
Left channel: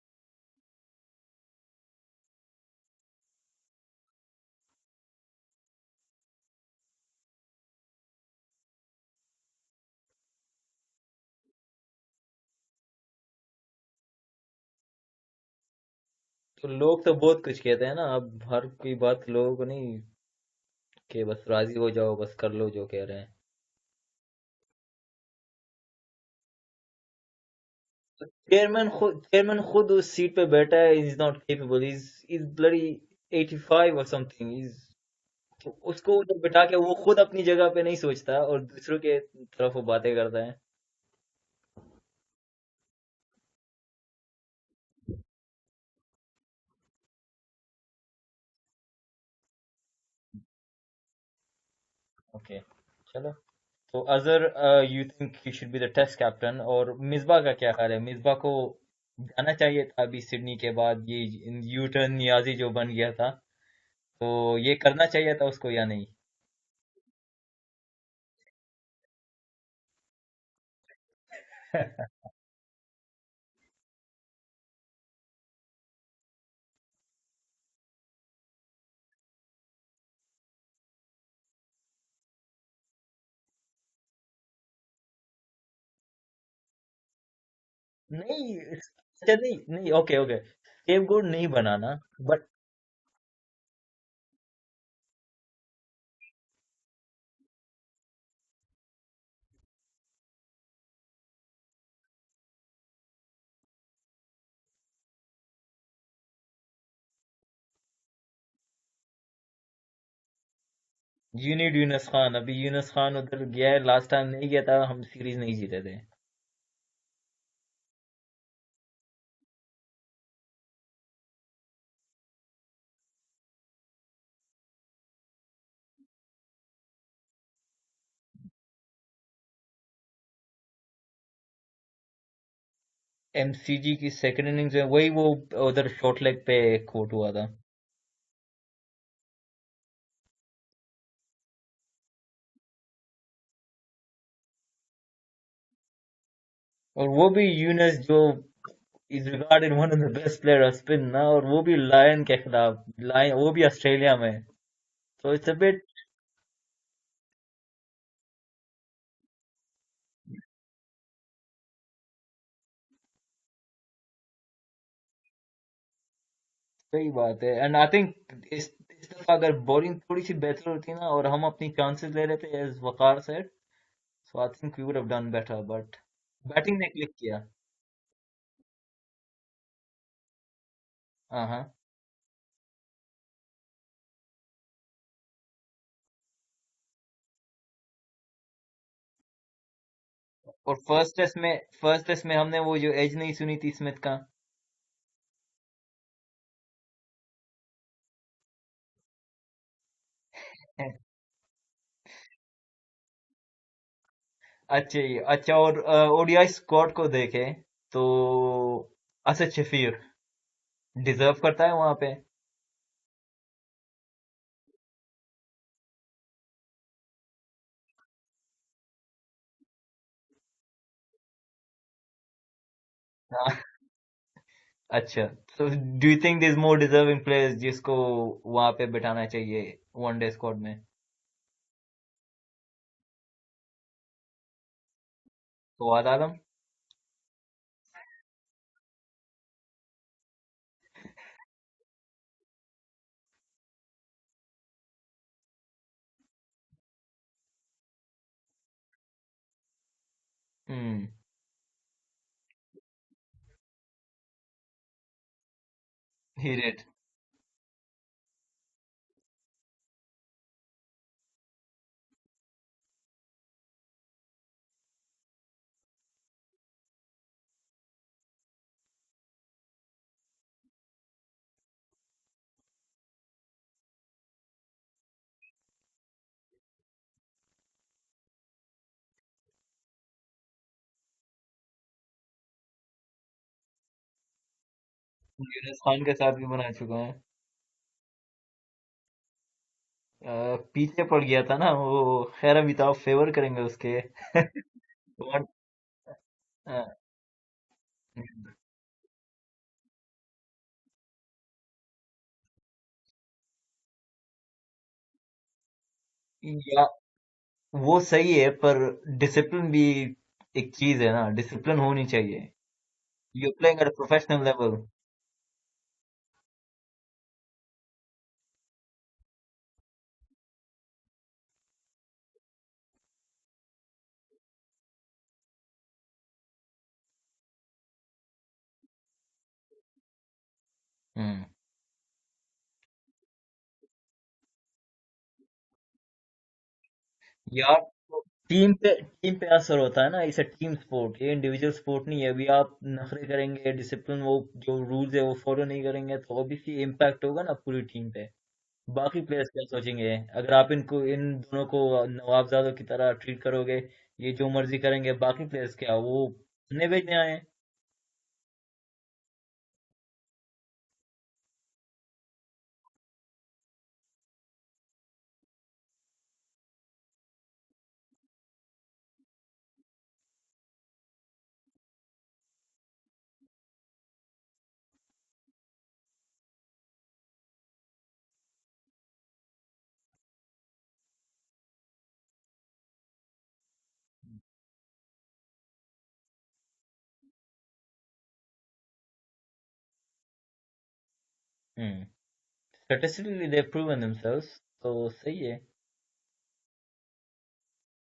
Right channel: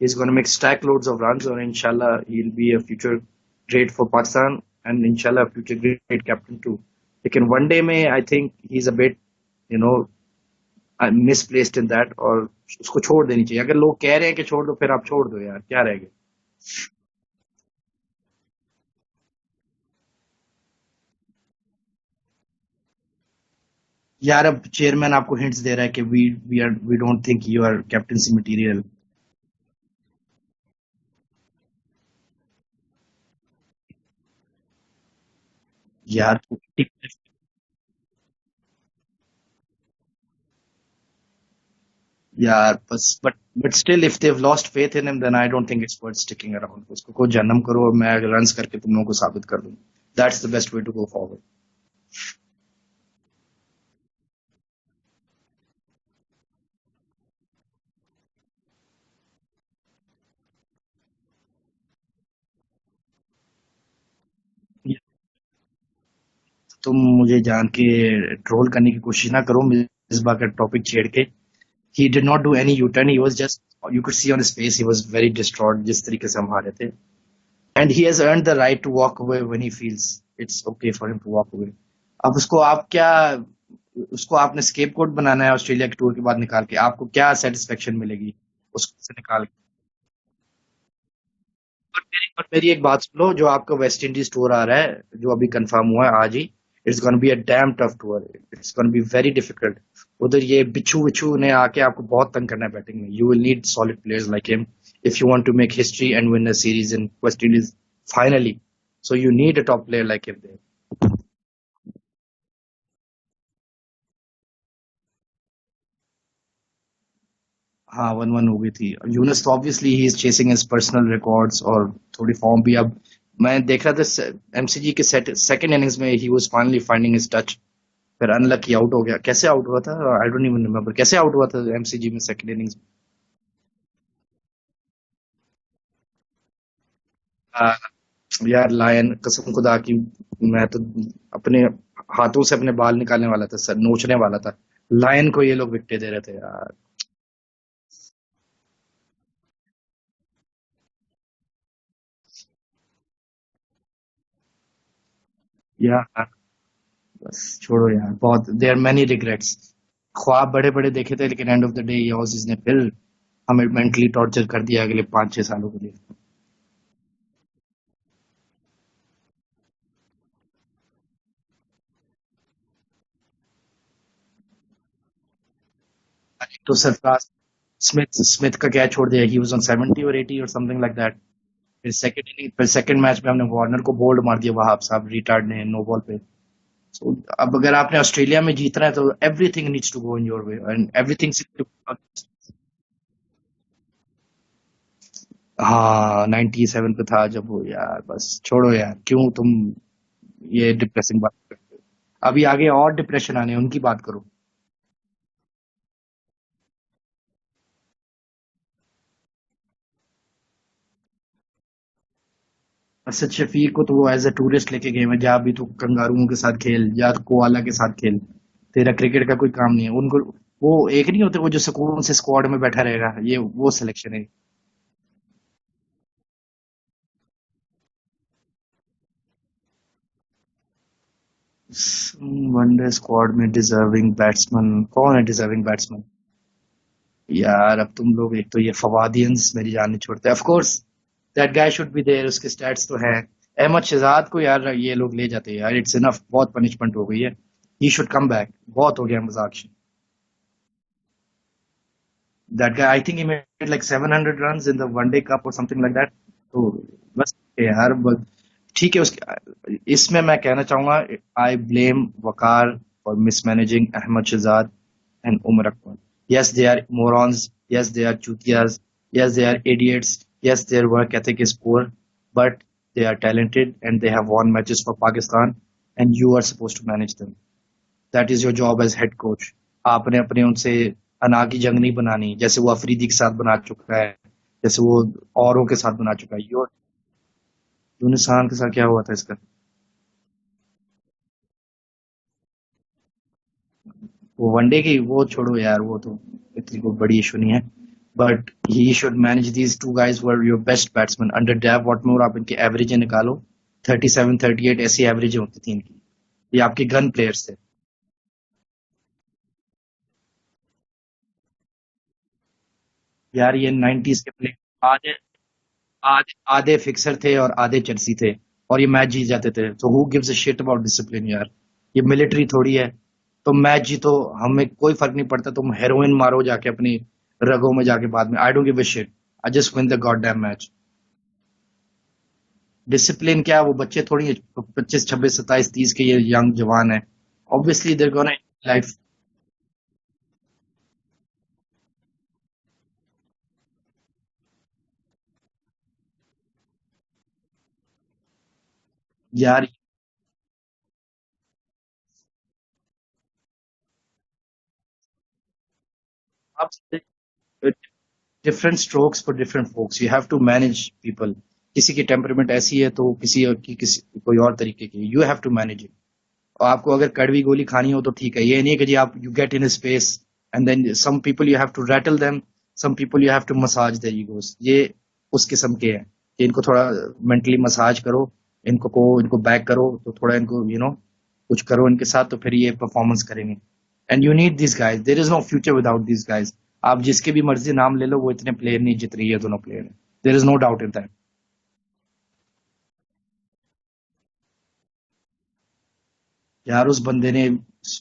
He's going to make stack loads of runs, and inshallah, he'll be a future great for Pakistan, and inshallah, a future great captain too. लेकिन one day में I think he's a bit, you know, misplaced in that, और उसको छोड़ देनी चाहिए। अगर लोग कह रहे हैं कि छोड़ दो, फिर आप छोड़ दो यार, क्या रहेगा। तो लोग तो बहुत कुछ कहते हैं ना, अब हर कोई बात लोगों को नहीं, कि बस राजी हो जाओ, बस कर लो जो कह रहे हैं। यार अब चेयरमैन आपको हिंट्स दे रहा है कि we don't think you are captaincy material. Chairman खुद उस सीट पे बैठा है, is not capable, is bloody 85 और समथिंग, इज, तो उसको ऊपर यार बिठा के वो खुद अपनी जगह पे नहीं सोचता और दूसरों के तरफ वो बातें करता है। यार बस but still if they have lost faith in him then I don't think it's worth sticking around. उसको को जन्म करो और मैं रन्स करके तुम लोगों को साबित कर दूं, that's the best way to go forward. Okay, चलो। तो Azhar, you think he should be the test captain, और मिसबा का क्या ख्याल है? मिसबा को जाना चाहिए था अभी सिडनी के बाद, ये यू टर्न नियाजी जो बन गया था, तो ये करना चाहिए था उसको या नहीं? तुम मुझे जान के ट्रोल करने की कोशिश ना करो इस बार का टॉपिक छेड़ के। he did not do any U-turn, he was just, you could see on his face he was very distraught जिस तरीके से हम हारे थे, and he has earned the right to walk away when he feels it's okay for him to walk away। अब उसको आप क्या, उसको आपने स्केपगोट बनाना है ऑस्ट्रेलिया के टूर के बाद निकाल के, आपको क्या सेटिस्फेक्शन मिलेगी नहीं, उसको से अच्छा, निकाल नहीं नहीं, ओके ओके, स्केपगोट नहीं बनाना, के। बट और मेरी एक बात सुन लो, जो आपका वेस्ट इंडीज टूर आ रहा है जो अभी कंफर्म हुआ है आज ही, it's gonna be a damn tough tour, it's gonna be very difficult. उधर ये बिच्छू विच्छू ने आके आपको बहुत तंग करना है बैटिंग में। You will need solid players like him if you want to make history and win a series in West Indies finally, so you need a top player like him there. You need Younis Khan. अभी यूनुस खान उधर गया है, last time नहीं गया था, हम series नहीं जीते थे। हाँ 1-1 हो गई थी। यूनस तो obviously he is chasing his personal records, और थोड़ी फॉर्म भी अब मैं देख रहा था एमसीजी के सेकंड इनिंग्स में he was finally finding his touch, फिर अनलकी आउट हो गया। कैसे आउट हुआ था आई डोंट इवन रिमेम्बर, कैसे आउट हुआ था एमसीजी में सेकंड इनिंग्स एमसीजी की सेकंड इनिंग्स में वही वो उधर शॉर्ट लेग पे कोट हुआ था। में। यार लायन कसम खुदा की, मैं तो अपने हाथों से अपने बाल निकालने वाला था सर, नोचने वाला था। लायन को ये लोग विकेट दे रहे थे यार। और वो भी यूनुस जो is regarded one of the best player off spin ना, और वो भी लायन के खिलाफ, लायन वो भी ऑस्ट्रेलिया में, तो इट्स अ बिट। यार बस छोड़ो यार, बहुत देयर मेनी रिग्रेट्स। ख्वाब बड़े बड़े देखे थे, लेकिन एंड ऑफ द डे ये ऑजीज ने फिर हमें मेंटली टॉर्चर कर दिया अगले 5-6 सालों के लिए। सही बात है, एंड आई थिंक इस दफा अगर बॉलिंग थोड़ी सी बेहतर होती ना और हम अपनी चांसेस ले रहे थे as Waqar said, so I think we would have done better, but तो बैटिंग ने क्लिक सरफराज किया। स्मिथ स्मिथ का क्या छोड़ दिया, ही वाज ऑन 70 और 80 और समथिंग लाइक दैट। हाँ हाँ। फिर सेकंड मैच में हमने वार्नर को बोल्ड मार दिया वहाब साहब रिटार्ड ने नो बॉल पे। So, अब अगर आपने ऑस्ट्रेलिया में जीतना है तो everything needs to go in your way और एंड एवरीथिंग। फर्स्ट टेस्ट में हमने वो जो एज नहीं सुनी थी स्मिथ का। हाँ 97 पे था जब वो, यार बस छोड़ो यार, क्यों तुम ये डिप्रेसिंग बात करते हो। अभी आगे और डिप्रेशन आने हैं, उनकी बात करो। अच्छा, ये अच्छा, और ओडीआई स्क्वाड को देखे तो असद शफीर डिजर्व करता है वहां पे। असद शफीक को तो वो एज अ टूरिस्ट लेके गए हैं, जहाँ भी तू कंगारुओं के साथ खेल या कोआला के साथ खेल, तेरा क्रिकेट का कोई काम नहीं है उनको। वो एक नहीं होते वो जो सुकून से स्क्वाड में बैठा रहेगा, ये हाँ। वो सिलेक्शन है। अच्छा, तो do you think this more deserving players जिसको वहां पे बिठाना चाहिए वनडे स्क्वाड में? वनडे स्क्वाड में डिजर्विंग बैट्समैन कौन है? डिजर्विंग बैट्समैन फवाद आलम। यार अब तुम लोग, एक तो ये फवादियंस मेरी जान नहीं छोड़ते। Of course that guy should be there, उसके स्टैट्स तो हैं। अहमद शहजाद को यार ये लोग ले जाते हैं यार, इट्स इनफ, बहुत पनिशमेंट हो गई है। ही शुड कम बैक, बहुत हो गया मजाक। Hmm. That guy I think he made like 700 runs in the one day cup और समथिंग लाइक दैट। ही तो डिड। बस यार ठीक है उसके, इसमें मैं कहना चाहूंगा I blame Waqar for mismanaging Ahmed Shehzad and Umar Akmal. Yes, they are morons. Yes, they are chutias. Yes, they are idiots. Yes, their work ethic is poor, but they are talented and they have won matches for Pakistan. And you are supposed to manage them. That is your job as head coach. आपने अपने उनसे अना की जंग नहीं बनानी, जैसे वो अफरीदी के साथ बना चुका है, जैसे वो औरों के यूनुस साथ खान के बना साथ चुका है। भी बना चुका है। यूनुस खान के साथ क्या हुआ था इसका? पीछे पड़ गया था ना वो। खैर अभी तो आप फेवर करेंगे उसके। वो वनडे की वो बहुत। छोड़ो यार, वो तो इतनी कोई हाँ। बड़ी इशू नहीं है। But he should manage these two guys were your best batsman under dive Whatmore. आप इनकी एवरेज निकालो, 37 38 ऐसी एवरेज होती थी इनकी। ये आपके या गन प्लेयर्स थे। वो सही है पर डिसिप्लिन भी एक चीज है ना, डिसिप्लिन होनी चाहिए। वो यार ये प्लेइंग एट 90s के प्रोफेशनल प्ले लेवल। आधे आधे आधे फिक्सर थे और आधे चर्सी थे, और ये मैच जीत जाते थे। तो who gives a shit about discipline यार? ये मिलिट्री थोड़ी है। तो मैच जीतो, हमें कोई फर्क नहीं पड़ता। तुम हेरोइन मारो जाके अपनी रगों में जाके बाद में, I don't give a shit, I just win the god damn match. Hmm. Discipline क्या, वो बच्चे थोड़ी है, 25 26 27 30 के, ये यंग जवान है। ये आप obviously there gonna life. Team पे असर होता है ना, इसे टीम स्पोर्ट, ये इंडिविजुअल स्पोर्ट नहीं है। अभी आप नखरे करेंगे, डिसिप्लिन वो जो रूल्स है वो फॉलो नहीं करेंगे तो ऑब्वियसली इम्पैक्ट होगा ना पूरी टीम पे। बाकी प्लेयर्स क्या यार सोचेंगे अगर आप इनको, इन दोनों को नवाबजादों की तरह ट्रीट करोगे? ये जो मर्जी करेंगे, बाकी प्लेयर्स क्या वो आप खाने बेचने आए हैं? Different strokes for different folks, you have to manage people. किसी की टेम्परमेंट ऐसी है तो किसी और की किसी कोई और तरीके की, you have to manage it. और आपको अगर कड़वी गोली खानी हो तो ठीक है, ये नहीं है कि जी आप you get in space and then some people you have to rattle them, some people you have to massage their egos. ये उस किस्म के हैं कि इनको थोड़ा मेंटली मसाज करो, इनको बैक करो, तो थोड़ा इनको कुछ करो इनके साथ, तो फिर ये परफॉर्मेंस करेंगे। And you need this guys, there is no future without this guys. आप जिसके भी मर्जी नाम ले लो, वो इतने प्लेयर नहीं जित रही है, दोनों player. There is no doubt in that. Hmm. Statistically they proven themselves, तो सही है। यार उस बंदे ने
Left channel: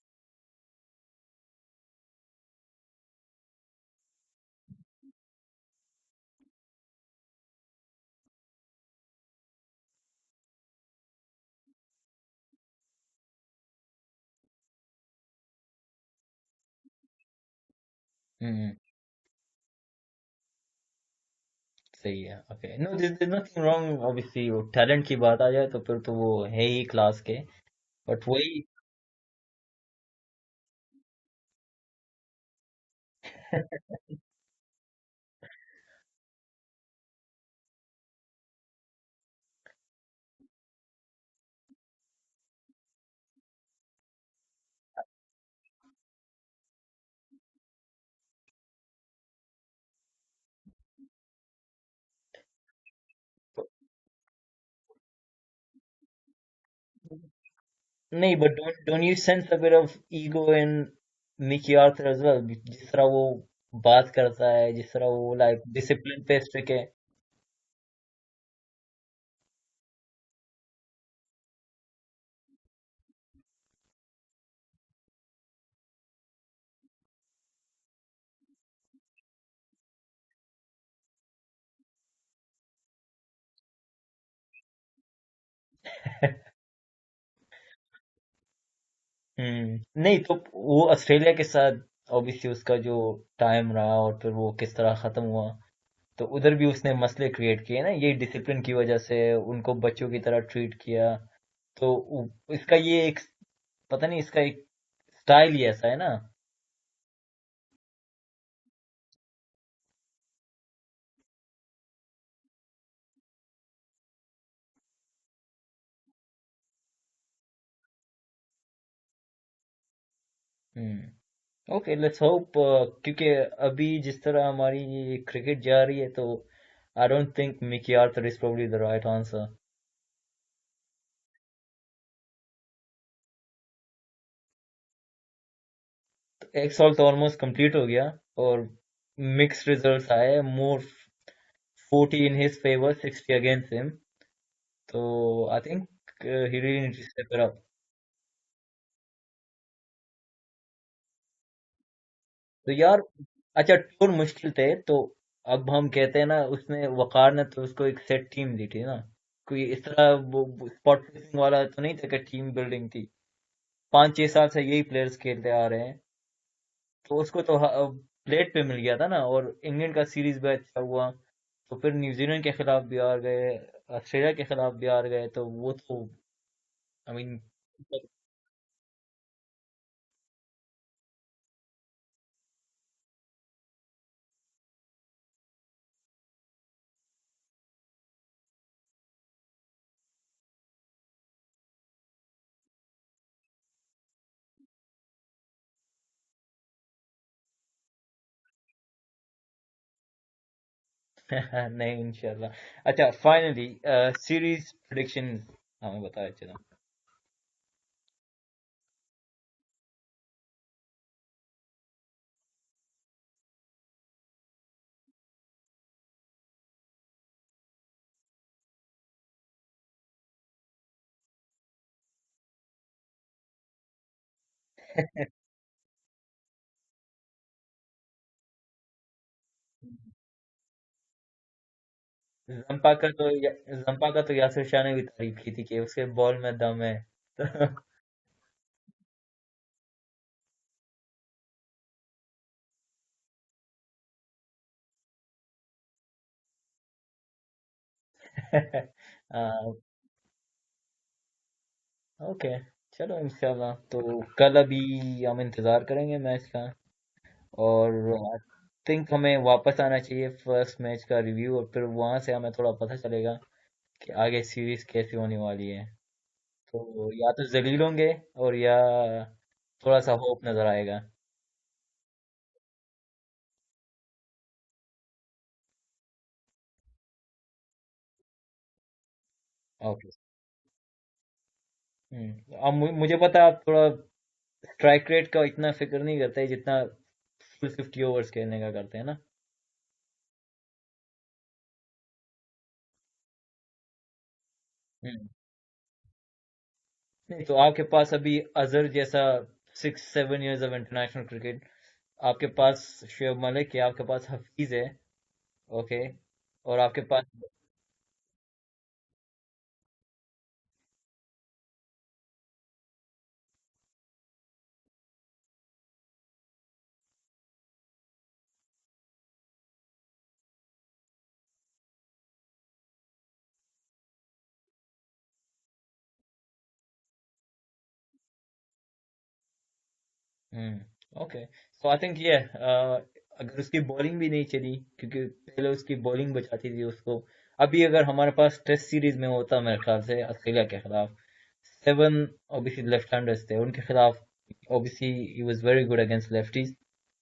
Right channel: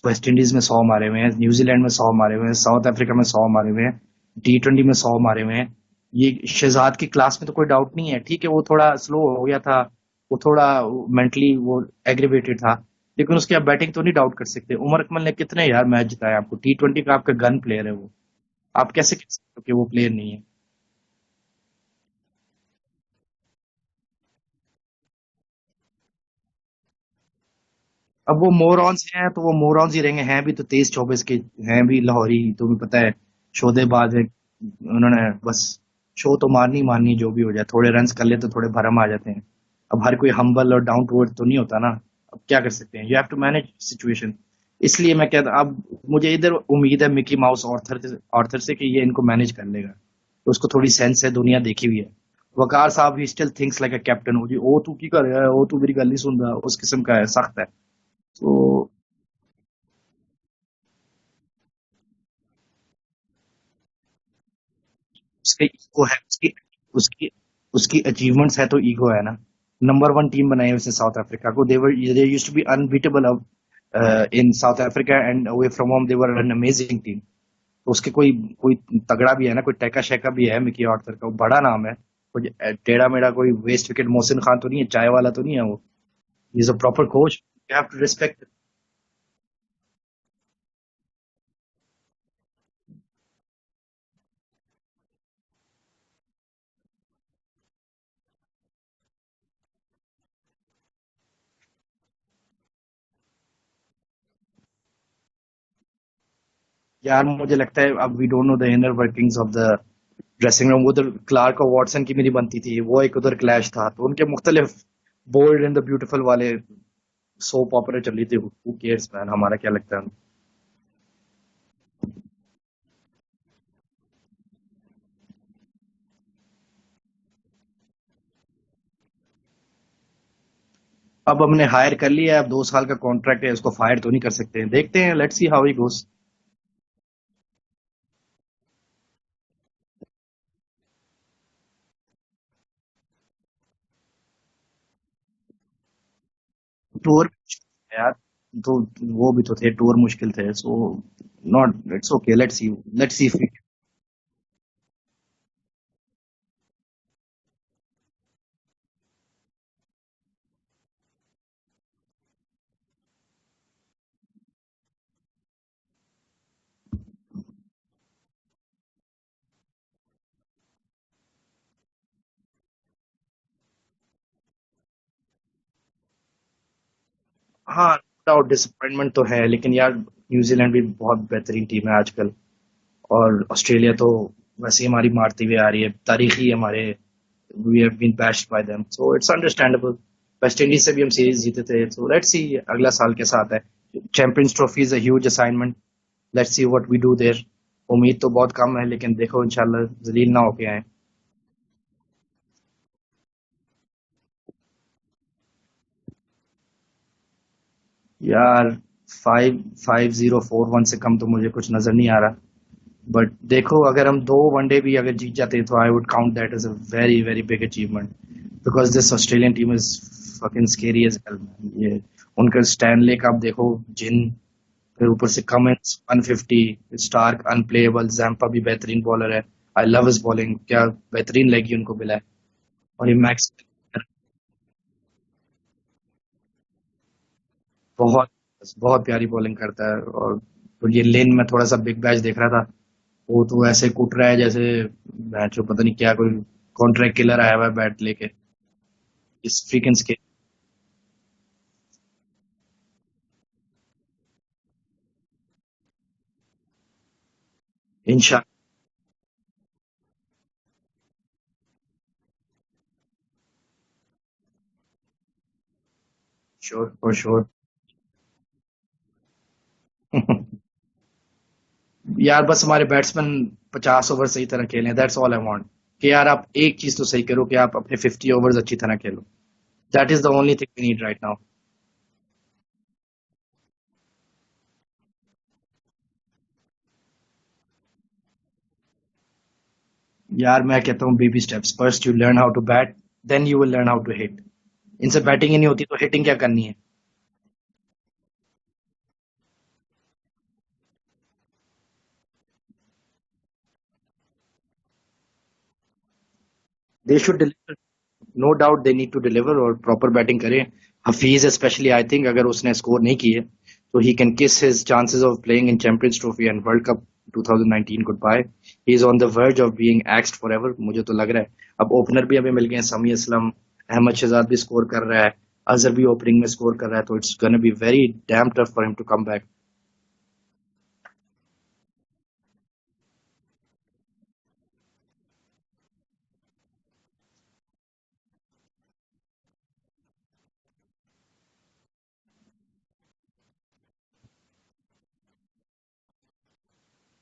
वेस्ट इंडीज में 100 मारे हुए हैं, न्यूजीलैंड में 100 मारे हुए हैं, साउथ अफ्रीका में 100 मारे हुए हैं, T20 में 100 मारे हुए हैं। ये शहजाद की क्लास में तो कोई डाउट नहीं है। ठीक है वो थोड़ा स्लो हो गया था, वो थोड़ा मेंटली वो एग्रीवेटेड था, लेकिन उसकी आप बैटिंग तो नहीं डाउट कर सकते। उमर अकमल ने कितने यार मैच जिताए आपको, T20 का आपका गन प्लेयर है वो। हम्म। आप कैसे कह सकते हो कि वो प्लेयर नहीं है? सही है। Okay, no this is nothing wrong. Obviously वो टैलेंट की बात आ जाए तो फिर तो वो है ही क्लास के। बट अब वो वही। मोरॉन्स हैं तो वो मोरॉन्स ही रहेंगे, हैं भी तो 23 24 के, हैं भी लाहौरी, तुम्हें पता है, शोधेबाज है। उन्होंने बस शो तो मारनी मारनी, जो भी हो जाए, थोड़े रन्स कर ले तो थोड़े भरम आ जाते हैं। अब हर कोई हम्बल और डाउन टू अर्थ तो नहीं होता ना। अब क्या कर सकते हैं, you have to manage situation. इसलिए मैं कहता, अब मुझे इधर उम्मीद है मिकी माउस ऑर्थर ऑर्थर से कि ये इनको मैनेज कर लेगा। तो उसको थोड़ी सेंस है, दुनिया देखी हुई है। वकार साहब he still thinks like a captain, हो जी ओ तू की कर रहा है, ओ तू मेरी गल नहीं सुन रहा, उस किस्म का है, सख्त है। नहीं, बट तो don't you sense a bit of ego in Mickey Arthur as well? जिस तरह वो बात करता है, जिस तरह वो उसके लाइक ईगो है, डिसिप्लिन पे उसकी स्ट्रिक्ट है। उसकी उसकी अचीवमेंट्स है तो ईगो है ना। नंबर 1 टीम बनाई है उसने साउथ अफ्रीका को, they used to be unbeatable in South Africa, and away from home they were an amazing team. तो उसके कोई कोई तगड़ा भी है ना, कोई टैका शैका भी है मिकी आर्थर का, वो बड़ा नाम है। कोई टेढ़ा मेढ़ा कोई वेस्ट विकेट मोहसिन खान तो नहीं है, चाय वाला तो नहीं है वो। Is a proper coach, you have to respect. नहीं तो वो ऑस्ट्रेलिया के साथ ऑब्वियसली उसका जो टाइम रहा और फिर वो किस तरह खत्म हुआ, तो उधर भी उसने मसले क्रिएट किए ना, ये डिसिप्लिन की वजह से उनको बच्चों की तरह ट्रीट किया। तो इसका ये एक, पता नहीं, इसका एक स्टाइल ही ऐसा है ना। यार मुझे लगता है अब we don't know the inner workings of the dressing room. उधर क्लार्क और वॉटसन की मेरी बनती थी, वो एक उधर क्लैश था, तो उनके मुख्तलिफ बोल्ड एंड द ब्यूटीफुल वाले सोप ऑपरा चल रही थी। हु केयर्स मैन, हमारा क्या लगता है? हम्म। Okay, let's hope. क्योंकि अभी जिस तरह हमारी क्रिकेट जा रही है, तो I don't think Mickey Arthur is probably the right answer. अब हमने हायर कर लिया है, अब 2 साल का कॉन्ट्रैक्ट है, उसको फायर तो नहीं कर सकते। देखते हैं, लेट्स सी हाउ ही गोस। एक साल तो ऑलमोस्ट कंप्लीट हो गया और मिक्स्ड रिजल्ट्स आए। More 40 in his favour, 60 against him. तो I think he really needs to tour step it up. यार, तो वो भी तो थे, टूर मुश्किल थे, सो नॉट, इट्स ओके, तो यार, लेट्स सी। अच्छा टूर मुश्किल थे तो अब हम कहते हैं ना, उसने वकार ने तो उसको एक सेट टीम दी थी ना। कोई इस तरह वो स्पॉट फिक्सिंग वाला तो नहीं था कि टीम बिल्डिंग थी। 5 6 साल से यही प्लेयर्स खेलते आ रहे हैं। तो उसको तो प्लेट पे मिल गया था ना। और इंग्लैंड का सीरीज भी अच्छा हुआ, तो फिर न्यूजीलैंड के खिलाफ भी हार गए, ऑस्ट्रेलिया के खिलाफ भी हार गए, तो वो तो आई मीन। हाँ, विदाउट डिसअपॉइंटमेंट तो है, लेकिन यार न्यूजीलैंड भी बहुत बेहतरीन टीम है आजकल। और ऑस्ट्रेलिया तो वैसे ही हमारी मारती हुई आ रही है, तारीखी हमारे, we have been bashed by them, so it's understandable. West Indies से भी हम सीरीज जीते थे, सो लेट्स सी अगला साल कैसा आता है। Champions Trophy is a huge assignment, let's see what we do there. उम्मीद तो बहुत कम है, लेकिन देखो इंशाल्लाह जलील ना होके आए। नहीं, इंशाल्लाह। अच्छा, फाइनली सीरीज प्रेडिक्शन हमें बताया चलो। यार 5-5-0-4-1 से कम तो मुझे कुछ नजर नहीं आ रहा, बट देखो अगर हम 2 वनडे भी अगर जीत जाते तो I would count that as a very very big achievement, because this Australian team is fucking scary as hell. ये उनका स्टैनले का आप देखो, जिन, फिर ऊपर से कमिंस 150, स्टार्क अनप्लेएबल, जैम्पा भी बेहतरीन बॉलर है, आई लव हिज बॉलिंग, क्या बेहतरीन लगी उनको मिला है। और ये मैक्स जंपा का तो यासिर शाह ने भी तारीफ की थी कि उसके बॉल में दम है। बहुत बहुत प्यारी बॉलिंग करता है। और तो ये लेन में थोड़ा सा बिग बैश देख रहा था, वो तो ऐसे कूट रहा है जैसे मैच पता नहीं क्या, कोई कॉन्ट्रैक्ट किलर आया हुआ है बैट लेके, इस फ्रीकिंग स्केल। ओके, चलो इंशाल्लाह तो कल अभी हम इंतज़ार करेंगे मैच का। और आई इंशाल्लाह। थिंक हमें वापस आना चाहिए फर्स्ट मैच का रिव्यू, और फिर वहां से हमें थोड़ा पता चलेगा कि आगे सीरीज कैसी होने वाली है। श्योर तो फॉर या तो श्योर। जलील होंगे और या थोड़ा सा होप नजर आएगा। यार बस हमारे बैट्समैन 50 ओवर सही तरह खेलें, दैट्स ऑल आई वांट। कि यार आप एक चीज तो सही करो कि आप अपने 50 ओवर्स अच्छी तरह खेलो, that okay. Is the only thing we need right now. अब मुझे पता है आप थोड़ा स्ट्राइक रेट का इतना फिक्र नहीं करते जितना फुल 50 ओवर्स खेलने का करते हैं ना। यार मैं कहता हूँ baby steps, first you learn how to bat, then you will learn how to hit. इनसे हम्म। बैटिंग ही नहीं होती तो हिटिंग क्या करनी है। नहीं तो आपके पास अभी अजहर जैसा 6-7 इयर्स ऑफ इंटरनेशनल क्रिकेट, आपके पास शुएब मलिक है, आपके पास हफीज है। ओके। और आपके दे पास should deliver, no doubt they need to deliver और प्रॉपर बैटिंग करें। हफीज स्पेशली आई थिंक अगर उसने स्कोर नहीं किए तो he can kiss his chances of playing in Champions Trophy and World Cup 2019 goodbye. He is on the verge of being axed forever, मुझे तो लग रहा है। अब ओपनर भी हमें मिल गए हैं, समी असलम, अहमद शहजाद भी स्कोर कर रहा है, अजहर भी ओपनिंग में स्कोर कर रहा है, तो it's gonna be very damn tough for him to come back. Okay, so I think ये अगर उसकी बॉलिंग भी नहीं चली, क्योंकि पहले उसकी बॉलिंग बचाती थी उसको। अभी अगर हमारे पास टेस्ट सीरीज में होता मेरे ख्याल से ऑस्ट्रेलिया के खिलाफ 7 ओबीसी लेफ्ट हैंडर्स थे उनके खिलाफ, OBC he was very good against lefties.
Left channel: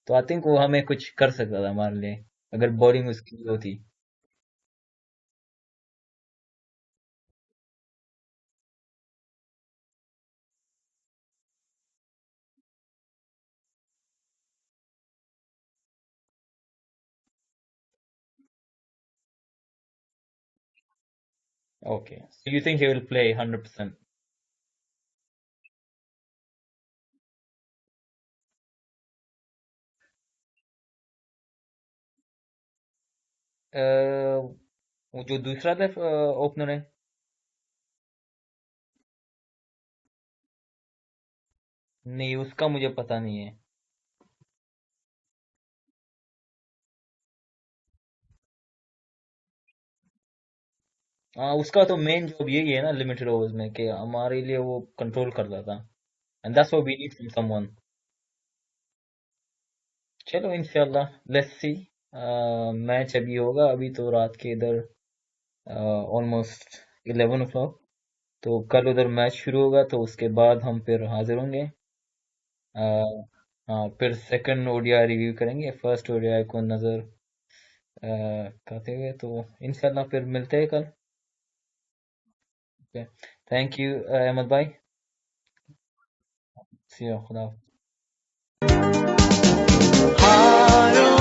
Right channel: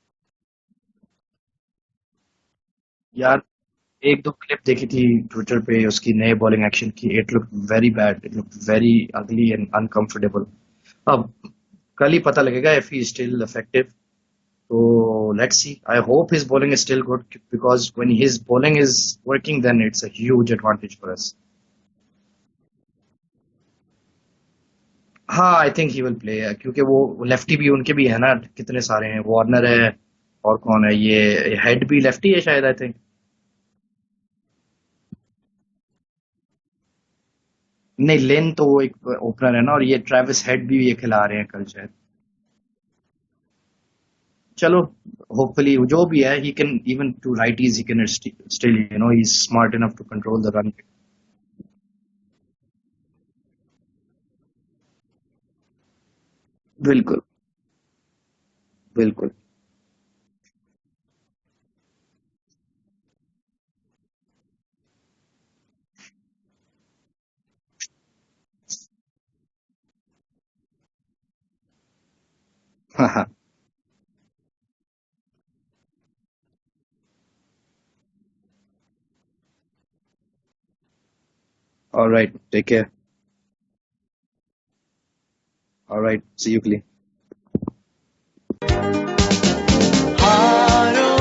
तो आई थिंक वो हमें कुछ कर सकता था हमारे लिए अगर बॉलिंग उसकी यार भी होती। एक दो क्लिप देखी थी ट्विटर पे उसकी नए बॉलिंग एक्शन की, it look very bad, it look very ugly and uncomfortable. अब कल ही पता लगेगा इफ ही स्टिल इफेक्टिव, तो let's see. I hope his bowling is still good, because when his bowling is working then it's a huge advantage for us. Okay, so you think he will play 100%? हाँ I think he will play, क्योंकि वो lefty भी उनके भी है ना, कितने सारे हैं, वार्नर है, और कौन है ये हेड भी लेफ्टी है शायद आई थिंक। वो जो दूसरा ओपनर है। नहीं लेन तो वो एक ओपनर है ना, और ये ट्रेविस हेड भी ये खिला रहे हैं कल शायद। नहीं, उसका मुझे पता नहीं है। चलो, होपफुली जो भी है he can even to righties he can still you know he is smart enough to control the run. हाँ, उसका तो मेन जॉब यही है ना लिमिटेड ओवर्स में, कि हमारे लिए वो कंट्रोल करता था। And that's what we need बिल्कुल फ्रॉम समवन। बिल्कुल। चलो इंशाल्लाह, लेट्स सी। मैच अभी होगा, अभी तो रात के इधर ऑलमोस्ट 11 o'clock। तो कल उधर मैच शुरू होगा, तो उसके बाद हम फिर हाजिर होंगे। हाँ अ, हाँ। हाँ, फिर सेकंड ओडीआई रिव्यू करेंगे, फर्स्ट ओडीआई को नज़र करते हुए। तो इंशाल्लाह फिर मिलते हैं कल। Alright, take care. Okay, thank you Ahmed भाई। Alright, see you. See you, खुदा। हारो